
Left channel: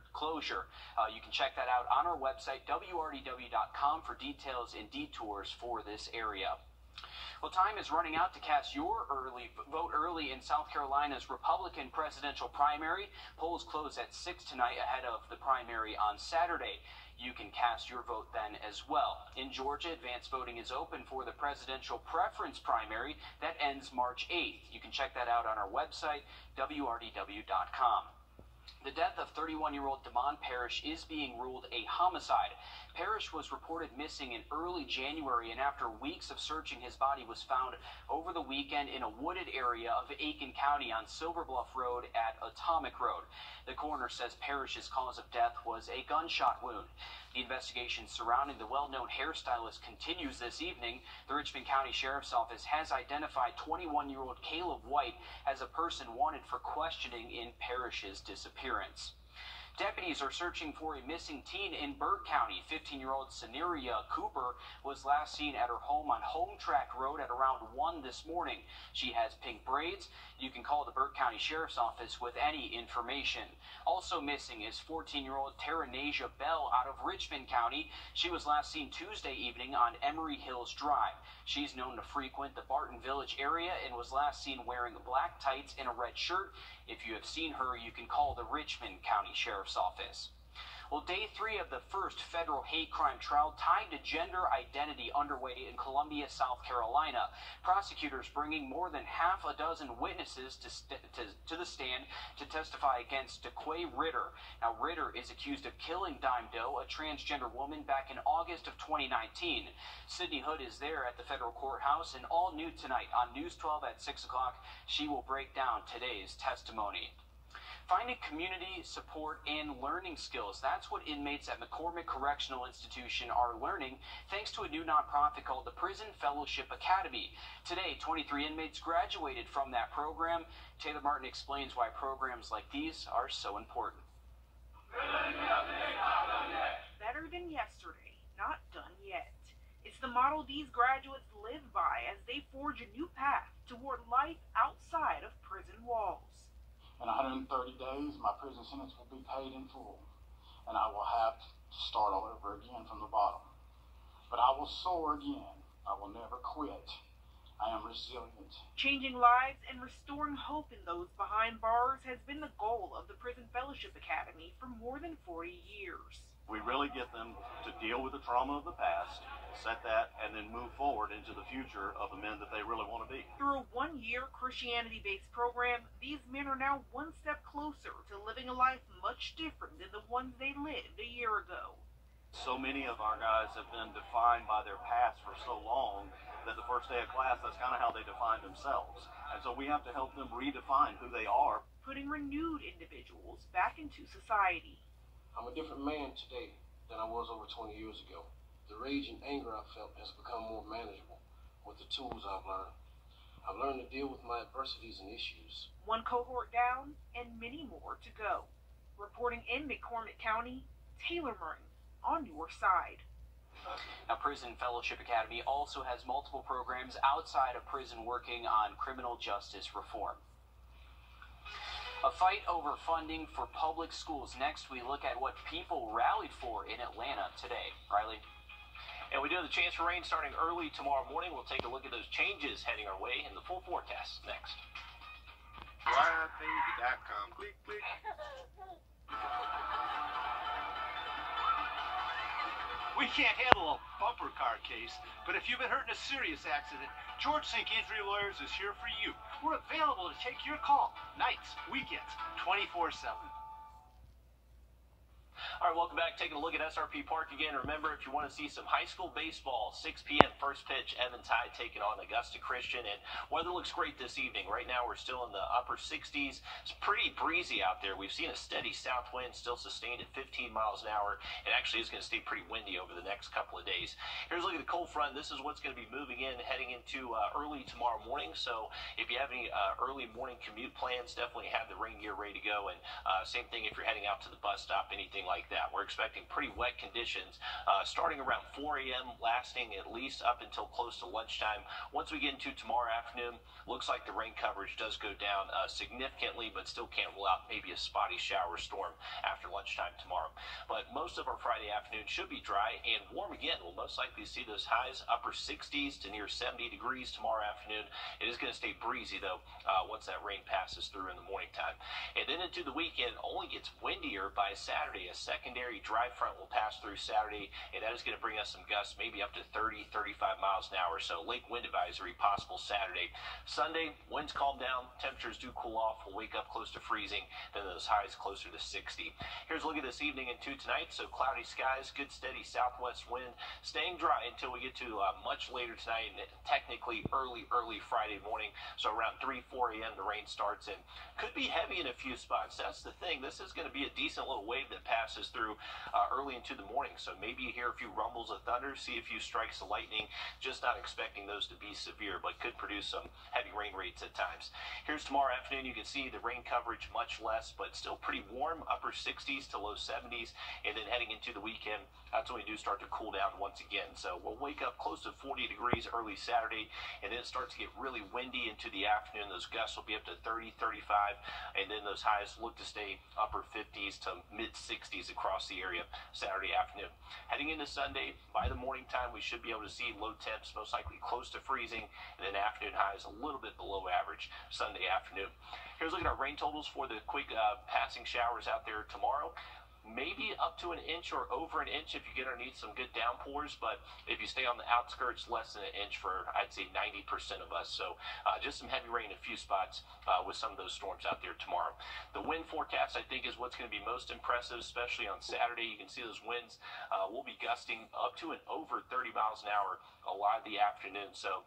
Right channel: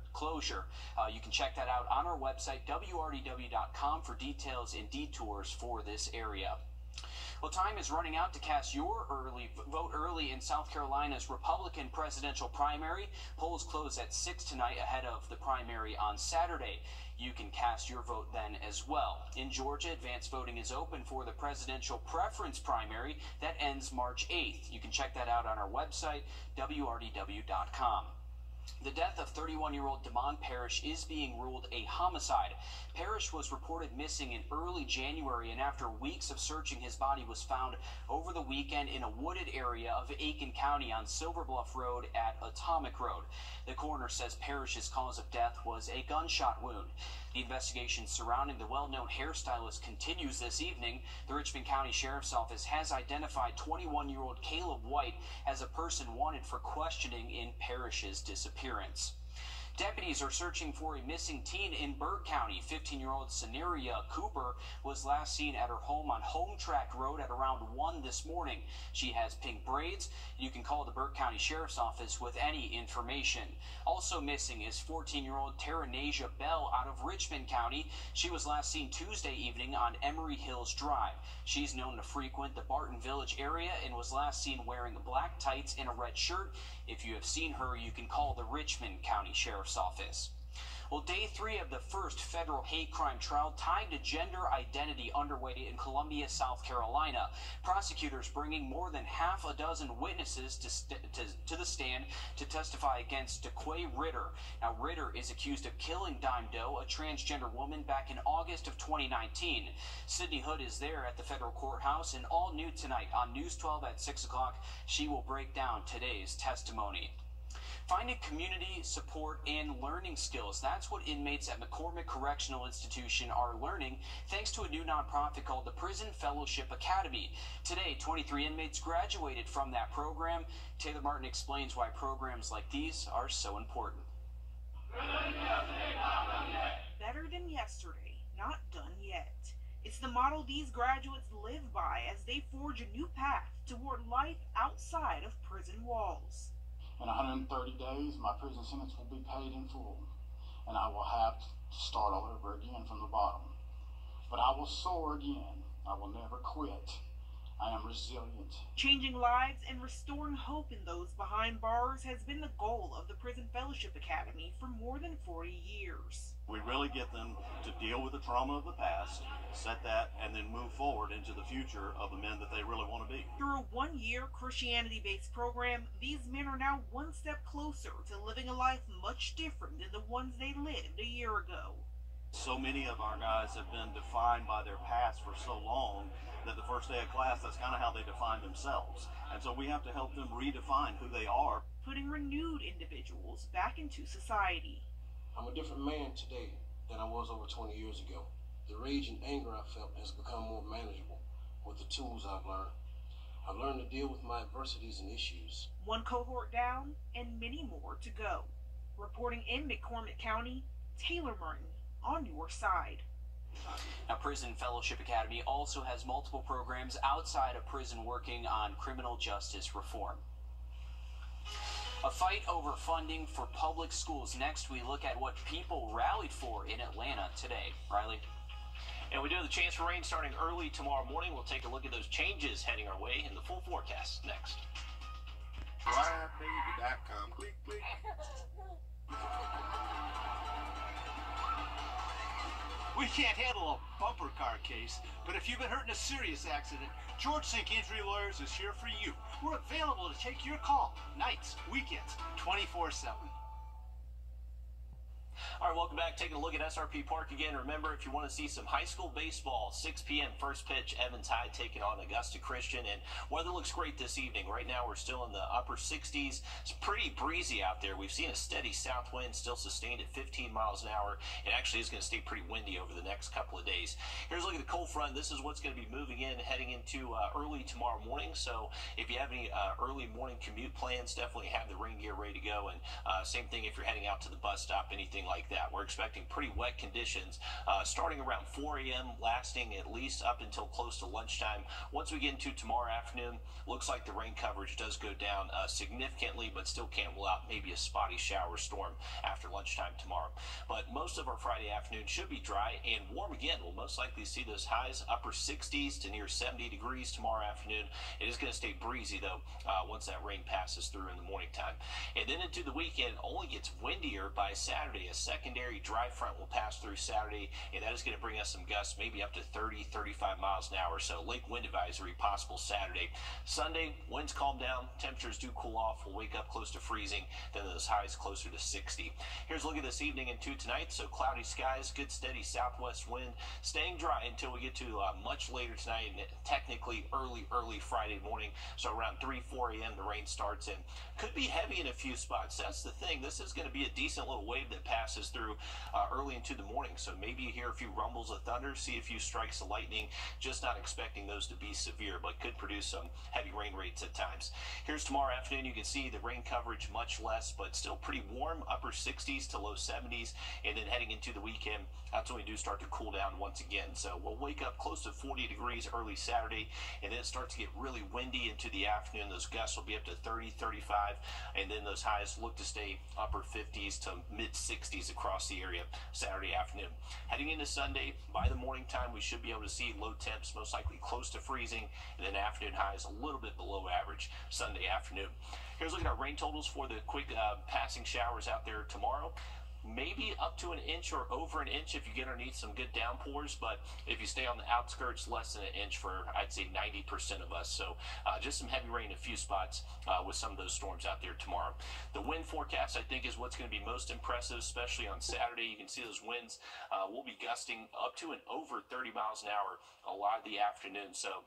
You can check that out on our website, WRDW.com, for details and detours for this area. Well, time is running out to cast your vote early in South Carolina's Republican presidential primary. Polls close at 6 tonight ahead of the primary on Saturday. You can cast your vote then as well. In Georgia, advance voting is open for the presidential preference primary that ends March 8th. You can check that out on our website, WRDW.com. The death of 31-year-old Damon Parrish is being ruled a homicide. Parrish was reported missing in early January, and after weeks of searching, his body was found over the weekend in a wooded area of Aiken County on Silver Bluff Road at Atomic Road. The coroner says Parrish's cause of death was a gunshot wound. The investigation surrounding the well-known hairstylist continues this evening. The Richmond County Sheriff's Office has identified 21-year-old Caleb White as a person wanted for questioning in Parrish's disappearance. Deputies are searching for a missing teen in Burke County. 15-year-old Saneria Cooper was last seen at her home on Home Track Road at around 1 this morning. She has pink braids. You can call the Burke County Sheriff's Office with any information. Also missing is 14-year-old Terranasia Bell out of Richmond County. She was last seen Tuesday evening on Emery Hills Drive. She's known to frequent the Barton Village area and was last seen wearing black tights and a red shirt. If you have seen her, you can call the Richmond County Sheriff's Office. Well, day 3 of the first federal hate crime trial tied to gender identity underway in Columbia, South Carolina. Prosecutors bringing more than half a dozen witnesses to the stand to testify against DeQuay Ritter. Now, Ritter is accused of killing Dime Doe, a transgender woman, back in August of 2019. Sydney Hood is there at the federal courthouse, and all new tonight on News 12 at 6 o'clock, she will break down today's testimony. Finding community support and learning skills. That's what inmates at McCormick Correctional Institution are learning thanks to a new nonprofit called the Prison Fellowship Academy. Today, 23 inmates graduated from that program. Taylor Martin explains why programs like these are so important. Better than yesterday, not done yet. It's the model these graduates live by as they forge a new path toward life outside of prison walls. In 130 days, my prison sentence will be paid in full, and I will have to start all over again from the bottom. But I will soar again. I will never quit. I am resilient. Changing lives and restoring hope in those behind bars has been the goal of the Prison Fellowship Academy for more than 40 years. We really get them to deal with the trauma of the past, set that, and then move forward into the future of the men that they really want to be. Through a one-year Christianity-based program, these men are now one step closer to living a life much different than the ones they lived a year ago. So many of our guys have been defined by their past for so long that the first day of class, that's kind of how they define themselves. And so we have to help them redefine who they are. Putting renewed individuals back into society. I'm a different man today than I was over 20 years ago. The rage and anger I felt has become more manageable with the tools I've learned. I've learned to deal with my adversities and issues. One cohort down and many more to go. Reporting in McCormick County, Taylor Martin on your side. Now, Prison Fellowship Academy also has multiple programs outside of prison working on criminal justice reform. A fight over funding for public schools. Next, we look at what people rallied for in Atlanta today. Riley? And we do have the chance for rain starting early tomorrow morning. We'll take a look at those changes heading our way in the full forecast next. WJBF.com. Click, click. We can't handle a bumper car case, but if you've been hurt in a serious accident, George Sink Injury Lawyers is here for you. We're available to take your call, nights, weekends, 24/7. All right, welcome back. Taking a look at SRP Park again. Remember, if you want to see some high school baseball, 6 p.m. first pitch, Evans High taking on Augusta Christian. And weather looks great this evening. Right now, we're still in the upper 60s. It's pretty breezy out there. We've seen a steady south wind still sustained at 15 miles an hour. It actually is going to stay pretty windy over the next couple of days. Here's a look at the cold front. This is what's going to be moving in heading into early tomorrow morning. So if you have any early morning commute plans, definitely have the rain gear ready to go. And same thing if you're heading out to the bus stop, anything like that. We're expecting pretty wet conditions starting around 4 a.m., lasting at least up until close to lunchtime. Once we get into tomorrow afternoon, looks like the rain coverage does go down significantly, but still can't rule out maybe a spotty shower storm after lunchtime tomorrow. But most of our Friday afternoon should be dry and warm again. We'll most likely see those highs upper 60s to near 70 degrees tomorrow afternoon. It is going to stay breezy, though, once that rain passes through in the morning time. And then into the weekend, only gets windier by Saturday. A secondary dry front will pass through Saturday, and that is going to bring us some gusts, maybe up to 30, 35 miles an hour. So lake wind advisory possible Saturday. Sunday, winds calm down, temperatures do cool off. We'll wake up close to freezing, then those highs closer to 60. Here's a look at this evening into tonight. So cloudy skies, good steady southwest wind, staying dry until we get to much later tonight, and technically early Friday morning. So around 3, 4 a.m. the rain starts and could be heavy in a few spots. That's the thing. This is going to be a decent little wave that passes passes through early into the morning. So maybe you hear a few rumbles of thunder, see a few strikes of lightning. Just not expecting those to be severe, but could produce some heavy rain rates at times. Here's tomorrow afternoon. You can see the rain coverage much less, but still pretty warm, upper 60s to low 70s. And then heading into the weekend, that's when we do start to cool down once again. So we'll wake up close to 40 degrees early Saturday, and then it starts to get really windy into the afternoon. Those gusts will be up to 30, 35, and then those highs look to stay upper 50s to mid 60s across the area Saturday afternoon. Heading into Sunday, by the morning time, we should be able to see low temps, most likely close to freezing, and then afternoon highs a little bit below average Sunday afternoon. Here's a look at our rain totals for the quick passing showers out there tomorrow. Maybe up to an inch or over an inch if you get underneath some good downpours, but if you stay on the outskirts, less than an inch for, I'd say, 90% of us. So just some heavy rain in a few spots with some of those storms out there tomorrow. The wind forecast, I think, is what's going to be most impressive, especially on Saturday. You can see those winds will be gusting up to and over 30 miles an hour a lot of the afternoon. So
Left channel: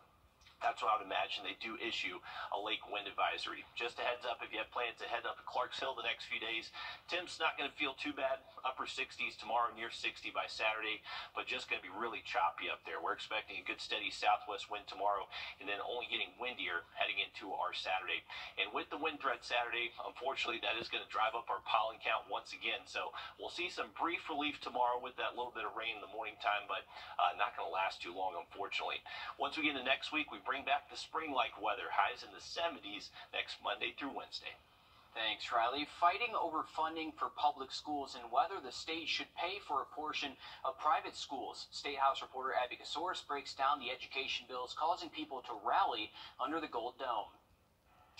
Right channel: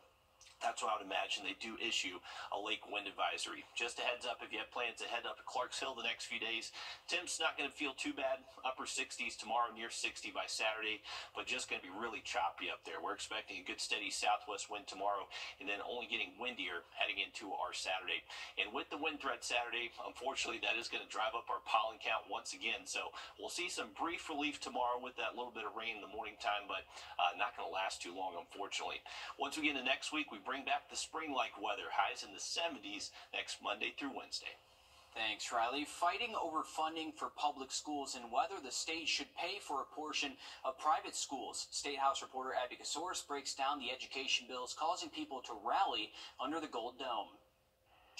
that's what I would imagine they do issue a lake wind advisory. Just a heads up if you have plans to head up to Clarks Hill the next few days. Temps not going to feel too bad. Upper 60s tomorrow, near 60 by Saturday, but just going to be really choppy up there. We're expecting a good steady southwest wind tomorrow, and then only getting windier heading into our Saturday. And with the wind threat Saturday, unfortunately, that is going to drive up our pollen count once again. So we'll see some brief relief tomorrow with that little bit of rain in the morning time, but not going to last too long, unfortunately. Once we get into next week, we bring back the spring-like weather, highs in the 70s next Monday through Wednesday. Thanks, Riley. Fighting over funding for public schools and whether the state should pay for a portion of private schools. State House reporter Abby Kasoris breaks down the education bills causing people to rally under the Gold Dome.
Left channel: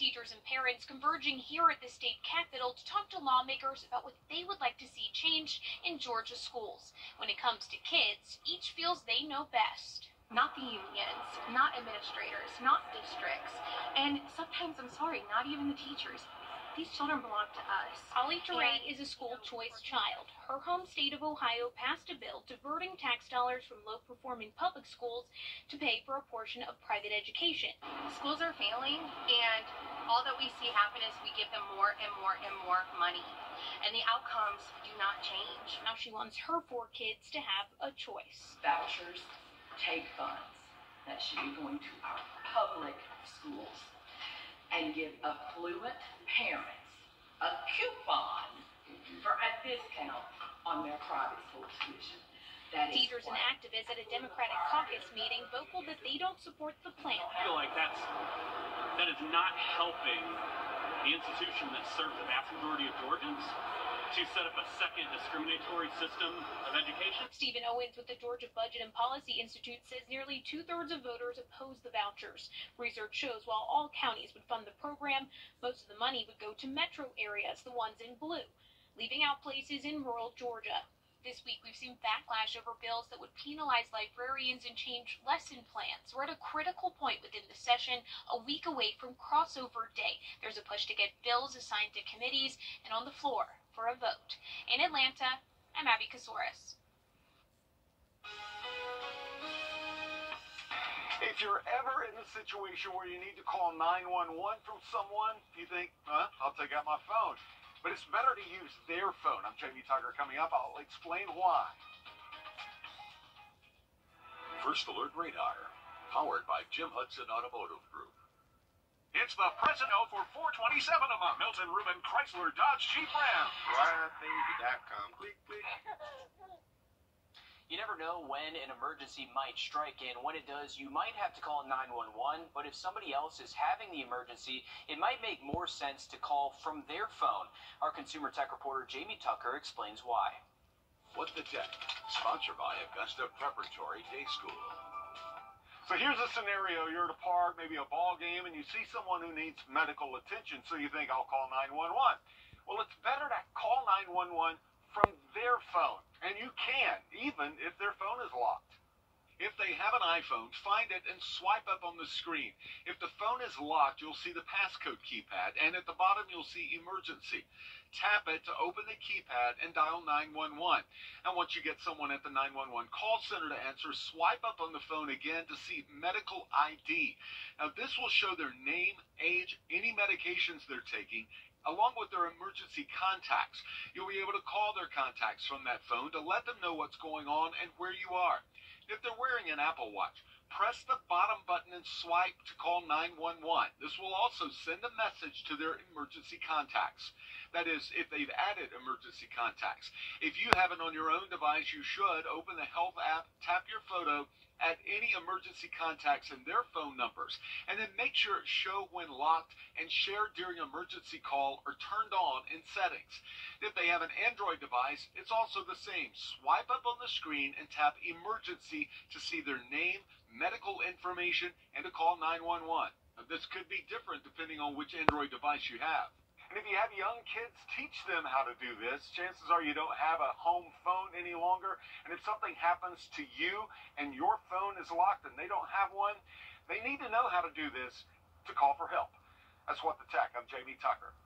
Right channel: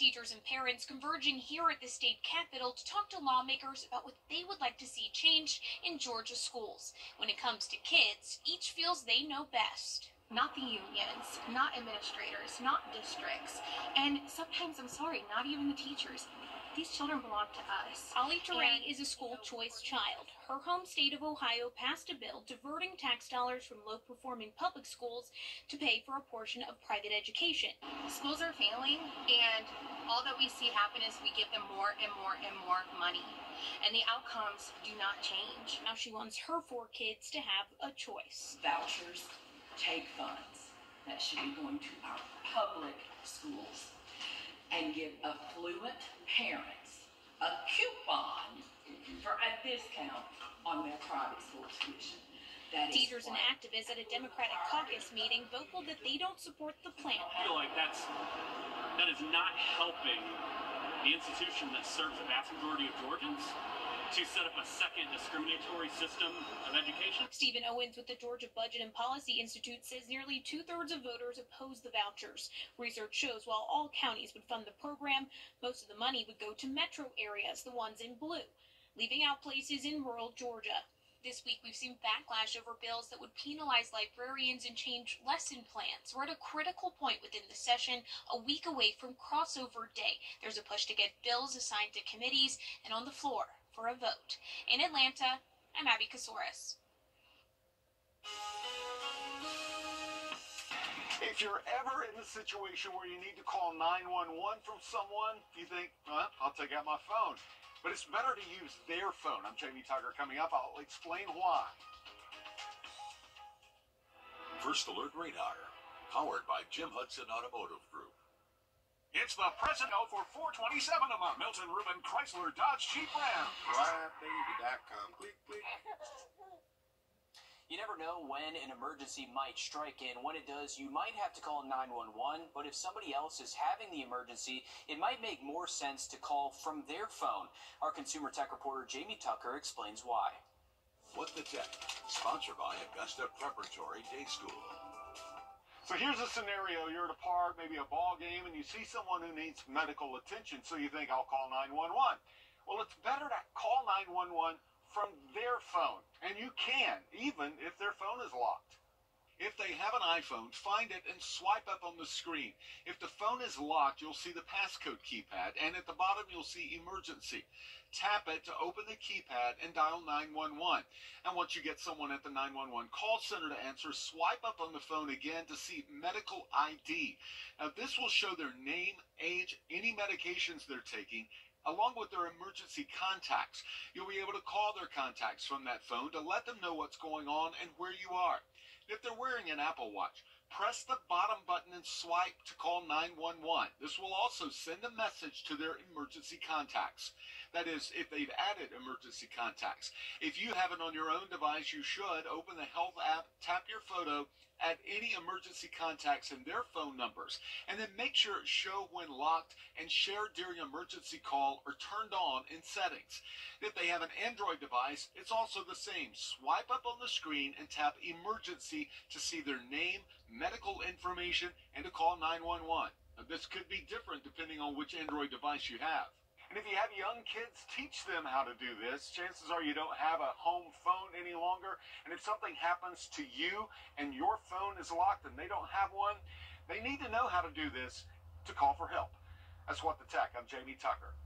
Teachers and parents converging here at the state capitol to talk to lawmakers about what they would like to see changed in Georgia schools. When it comes to kids, each feels they know best. Not the unions, not administrators, not districts, and sometimes, I'm sorry, not even the teachers. These children belong to us. Ollie Teray is a school choice child. Her home state of Ohio passed a bill diverting tax dollars from low-performing public schools to pay for a portion of private education. Schools are failing, and all that we see happen is we give them more and more and more money, and the outcomes do not change. Now she wants her 4 kids to have a choice. Vouchers take funds that should be going to our public schools and give affluent parents a coupon for a discount on their private school tuition. Teachers and activists at a Democratic caucus meeting vocal that they don't support the plan. I feel like that is not helping the institution that serves the vast majority of Georgians to set up a second discriminatory system of education. Stephen Owens with the Georgia Budget and Policy Institute says nearly 2/3 of voters oppose the vouchers. Research shows while all counties would fund the program, most of the money would go to metro areas, the ones in blue, leaving out places in rural Georgia. This week, we've seen backlash over bills that would penalize librarians and change lesson plans. We're at a critical point within the session, a week away from crossover day. There's a push to get bills assigned to committees and on the floor for a vote. In Atlanta, I'm Abby Kasoris. If you're ever in a situation where you need to call 911 from someone, you think, I'll take out my phone. But it's better to use their phone. I'm Jamie Tucker. Coming up, I'll explain why. First Alert Radar, powered by Jim Hudson Automotive Group. It's the present for $427 a month. Milton Rubin Chrysler Dodge Jeep Ram. Flybaby.com. Click, click. You never know when an emergency might strike in. When it does, you might have to call 911, but if somebody else is having the emergency, it might make more sense to call from their phone. Our consumer tech reporter, Jamie Tucker, explains why. What the Tech, sponsored by Augusta Preparatory Day School. So here's a scenario. You're at a park, maybe a ball game, and you see someone who needs medical attention, so you think, I'll call 911. Well, it's better to call 911 from their phone. And you can, even if their phone is locked. If they have an iPhone, find it and swipe up on the screen. If the phone is locked, you'll see the passcode keypad, and at the bottom you'll see emergency. Tap it to open the keypad and dial 911. And once you get someone at the 911 call center to answer, swipe up on the phone again to see medical ID. Now this will show their name, age, any medications they're taking, along with their emergency contacts. You'll be able to call their contacts from that phone to let them know what's going on and where you are. If they're wearing an Apple Watch, press the bottom button and swipe to call 911. This will also send a message to their emergency contacts. That is, if they've added emergency contacts. If you have it on your own device, you should open the Health app, tap your photo, add any emergency contacts and their phone numbers, and then make sure it's show when locked and shared during emergency call or turned on in settings. If they have an Android device, it's also the same. Swipe up on the screen and tap emergency to see their name, medical information, and to call 911. Now, this could be different depending on which Android device you have. And if you have young kids, teach them how to do this. Chances are you don't have a home phone any longer. And if something happens to you and your phone is locked and they don't have one, they need to know how to do this to call for help. That's What the Tech. I'm Jamie Tucker.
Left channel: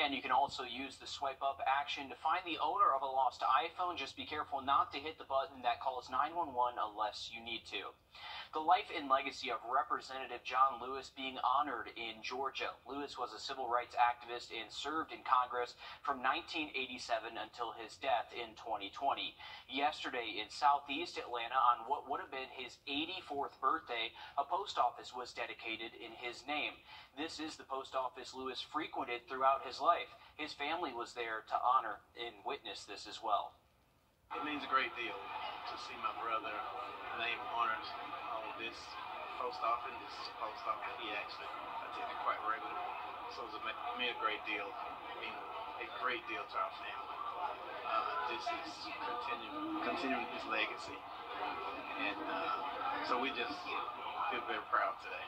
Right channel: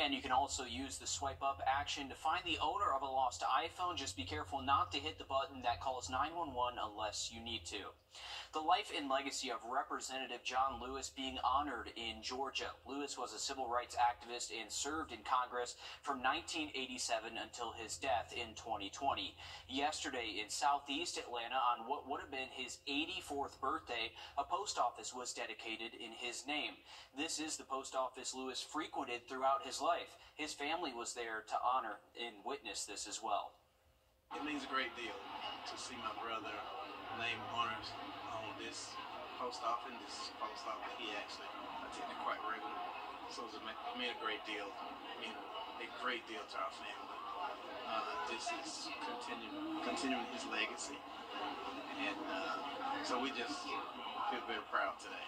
And you can also use the swipe up action to find the owner of a lost iPhone. Just be careful not to hit the button that calls 911 unless you need to. The life and legacy of Representative John Lewis being honored in Georgia. Lewis was a civil rights activist and served in Congress from 1987 until his death in 2020. Yesterday in southeast Atlanta, on what would have been his 84th birthday, a post office was dedicated in his name. This is the post office Lewis frequented throughout his life. His family was there to honor and witness this as well. It means a great deal to see my brother name honors on this post office. This is a post office he actually attended quite regularly. So it meant a great deal. It meant a great deal to our family. This is continuing his legacy. And so we just feel very proud today.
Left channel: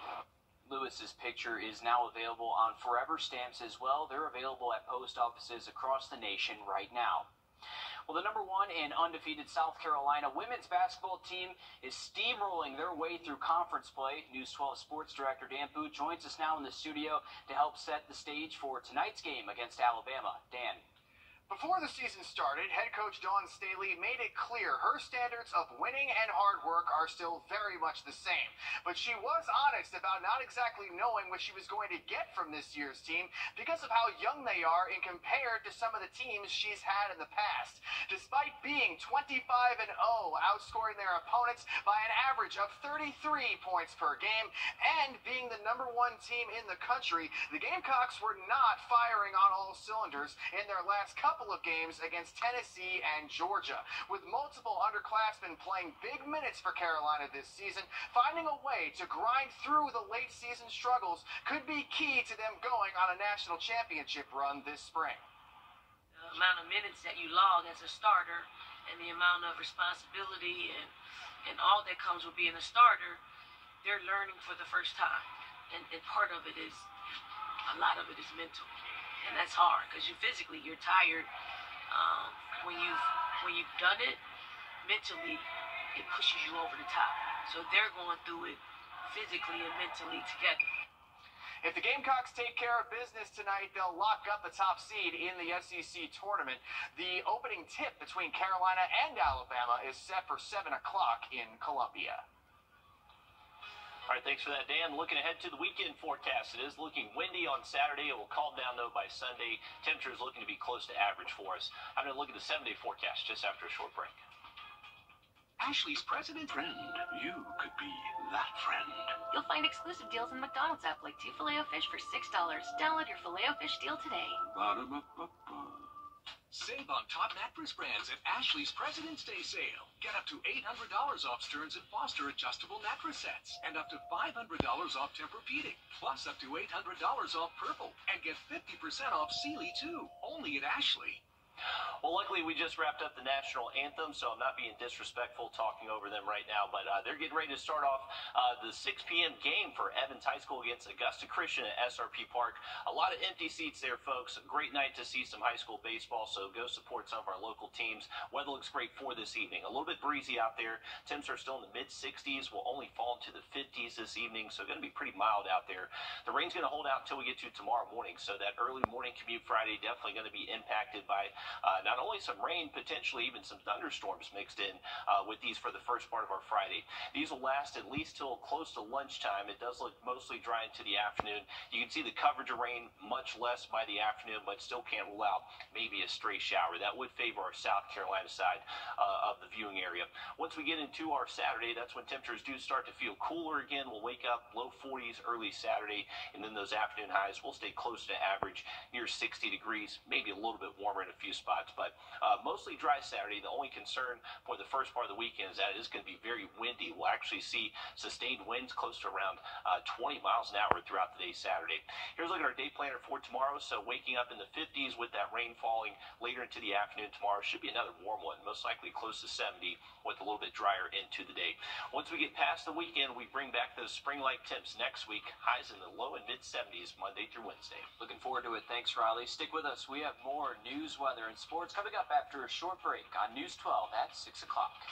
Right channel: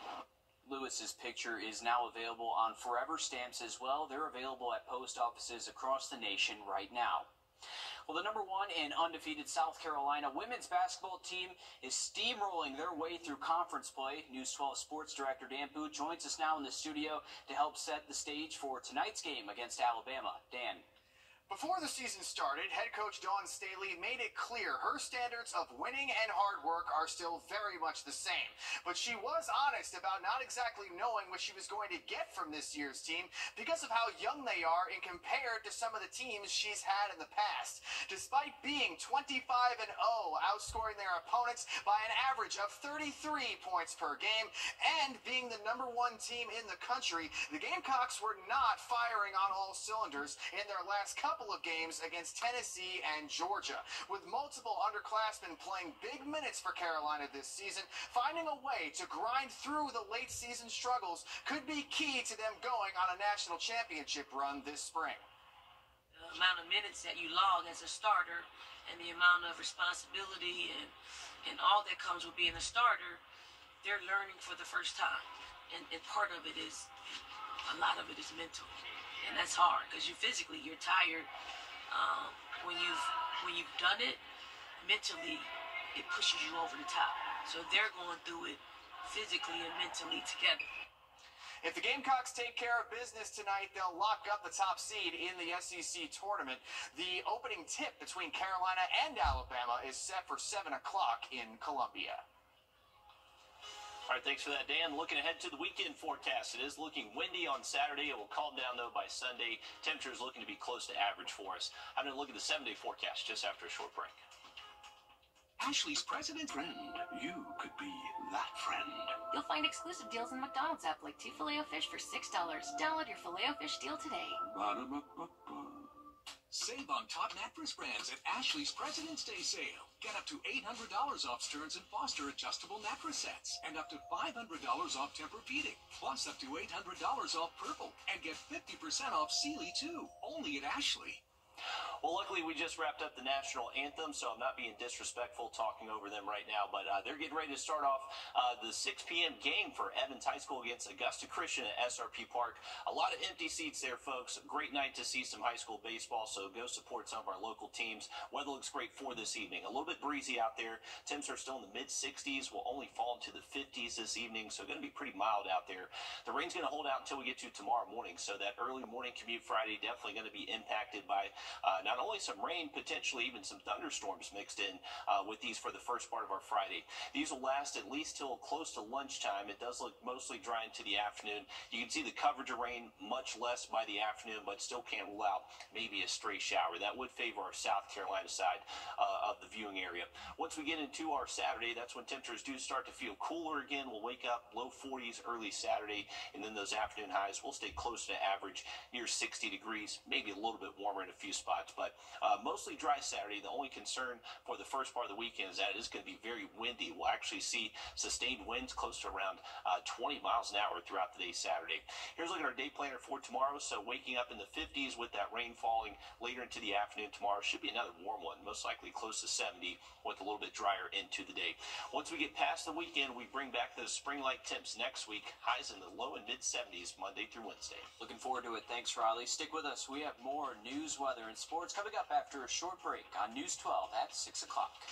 Lewis's picture is now available on forever stamps as well. They're available at post offices across the nation right now. Well, the #1 and undefeated South Carolina women's basketball team is steamrolling their way through conference play. News 12 sports director Dan Booth joins us now in the studio to help set the stage for tonight's game against Alabama. Dan. Before the season started, head coach Dawn Staley made it clear her standards of winning and hard work are still very much the same. But she was honest about not exactly knowing what she was going to get from this year's team because of how young they are and compared to some of the teams she's had in the past. Despite being 25-0, outscoring their opponents by an average of 33 points per game, and being the #1 team in the country, the Gamecocks were not firing on all cylinders in their last couple of games against Tennessee and Georgia. With multiple underclassmen playing big minutes for Carolina this season, finding a way to grind through the late season struggles could be key to them going on a national championship run this spring. The amount of minutes that you log as a starter and the amount of responsibility and all that comes with being a starter, they're learning for the first time. And part of it is, a lot of it is mental. And that's hard because you're tired. When you've done it, mentally, it pushes you over the top. So they're going through it physically and mentally together. If the Gamecocks take care of business tonight, they'll lock up the top seed in the SEC tournament. The opening tip between Carolina and Alabama is set for 7 o'clock in Columbia. All right, thanks for that, Dan. Looking ahead to the weekend forecast, it is looking windy on Saturday. It will calm down, though, by Sunday. Temperature is looking to be close to average for us. I'm going to look at the 7-day forecast just after a short break. Ashley's president friend. You could be that friend. You'll find exclusive deals in the McDonald's app, like 2 Filet-O-Fish for $6. Download your Filet-O-Fish deal today. Ba-da-ba-ba-ba. Save on top mattress brands at Ashley's President's Day sale. Get up to $800 off Stearns & Foster adjustable mattress sets and up to $500 off Tempur-Pedic, plus up to $800 off Purple, and get 50% off Sealy too, only at Ashley. Well, luckily, we just wrapped up the national anthem, so I'm not being disrespectful talking over them right now, but they're getting ready to start off the 6 p.m. game for Evans High School against Augusta Christian at SRP Park. A lot of empty seats there, folks. Great night to see some high school baseball, so go support some of our local teams. Weather looks great for this evening. A little bit breezy out there. Temps are still in the mid-60s. Will only fall into the 50s this evening, so going to be pretty mild out there. The rain's going to hold out until we get to tomorrow morning, so that early morning commute Friday definitely going to be impacted by not only some rain, potentially even some thunderstorms mixed in with these for the first part of our Friday. These will last at least till close to lunchtime. It does look mostly dry into the afternoon. You can see the coverage of rain much less by the afternoon, but still can't rule out maybe a stray shower. That would favor our South Carolina side of the viewing area. Once we get into our Saturday, that's when temperatures do start to feel cooler again. We'll wake up low 40s early Saturday, and then those afternoon highs will stay close to average, near 60 degrees, maybe a little bit warmer in a few spots, but mostly dry Saturday. The only concern for the first part of the weekend is that it is going to be very windy. We'll actually see sustained winds close to around 20 miles an hour throughout the day Saturday. Here's a look at our day planner for tomorrow. So waking up in the 50s with that rain falling later into the afternoon tomorrow. Should be another warm one, most likely close to 70 with a little bit drier into the day. Once we get past the weekend, we bring back those spring-like temps next week. Highs in the low and mid 70s Monday through Wednesday. Looking forward to it. Thanks, Riley. Stick with us. We have more news, weather, and sports coming up after a short break on News 12 at 6 o'clock.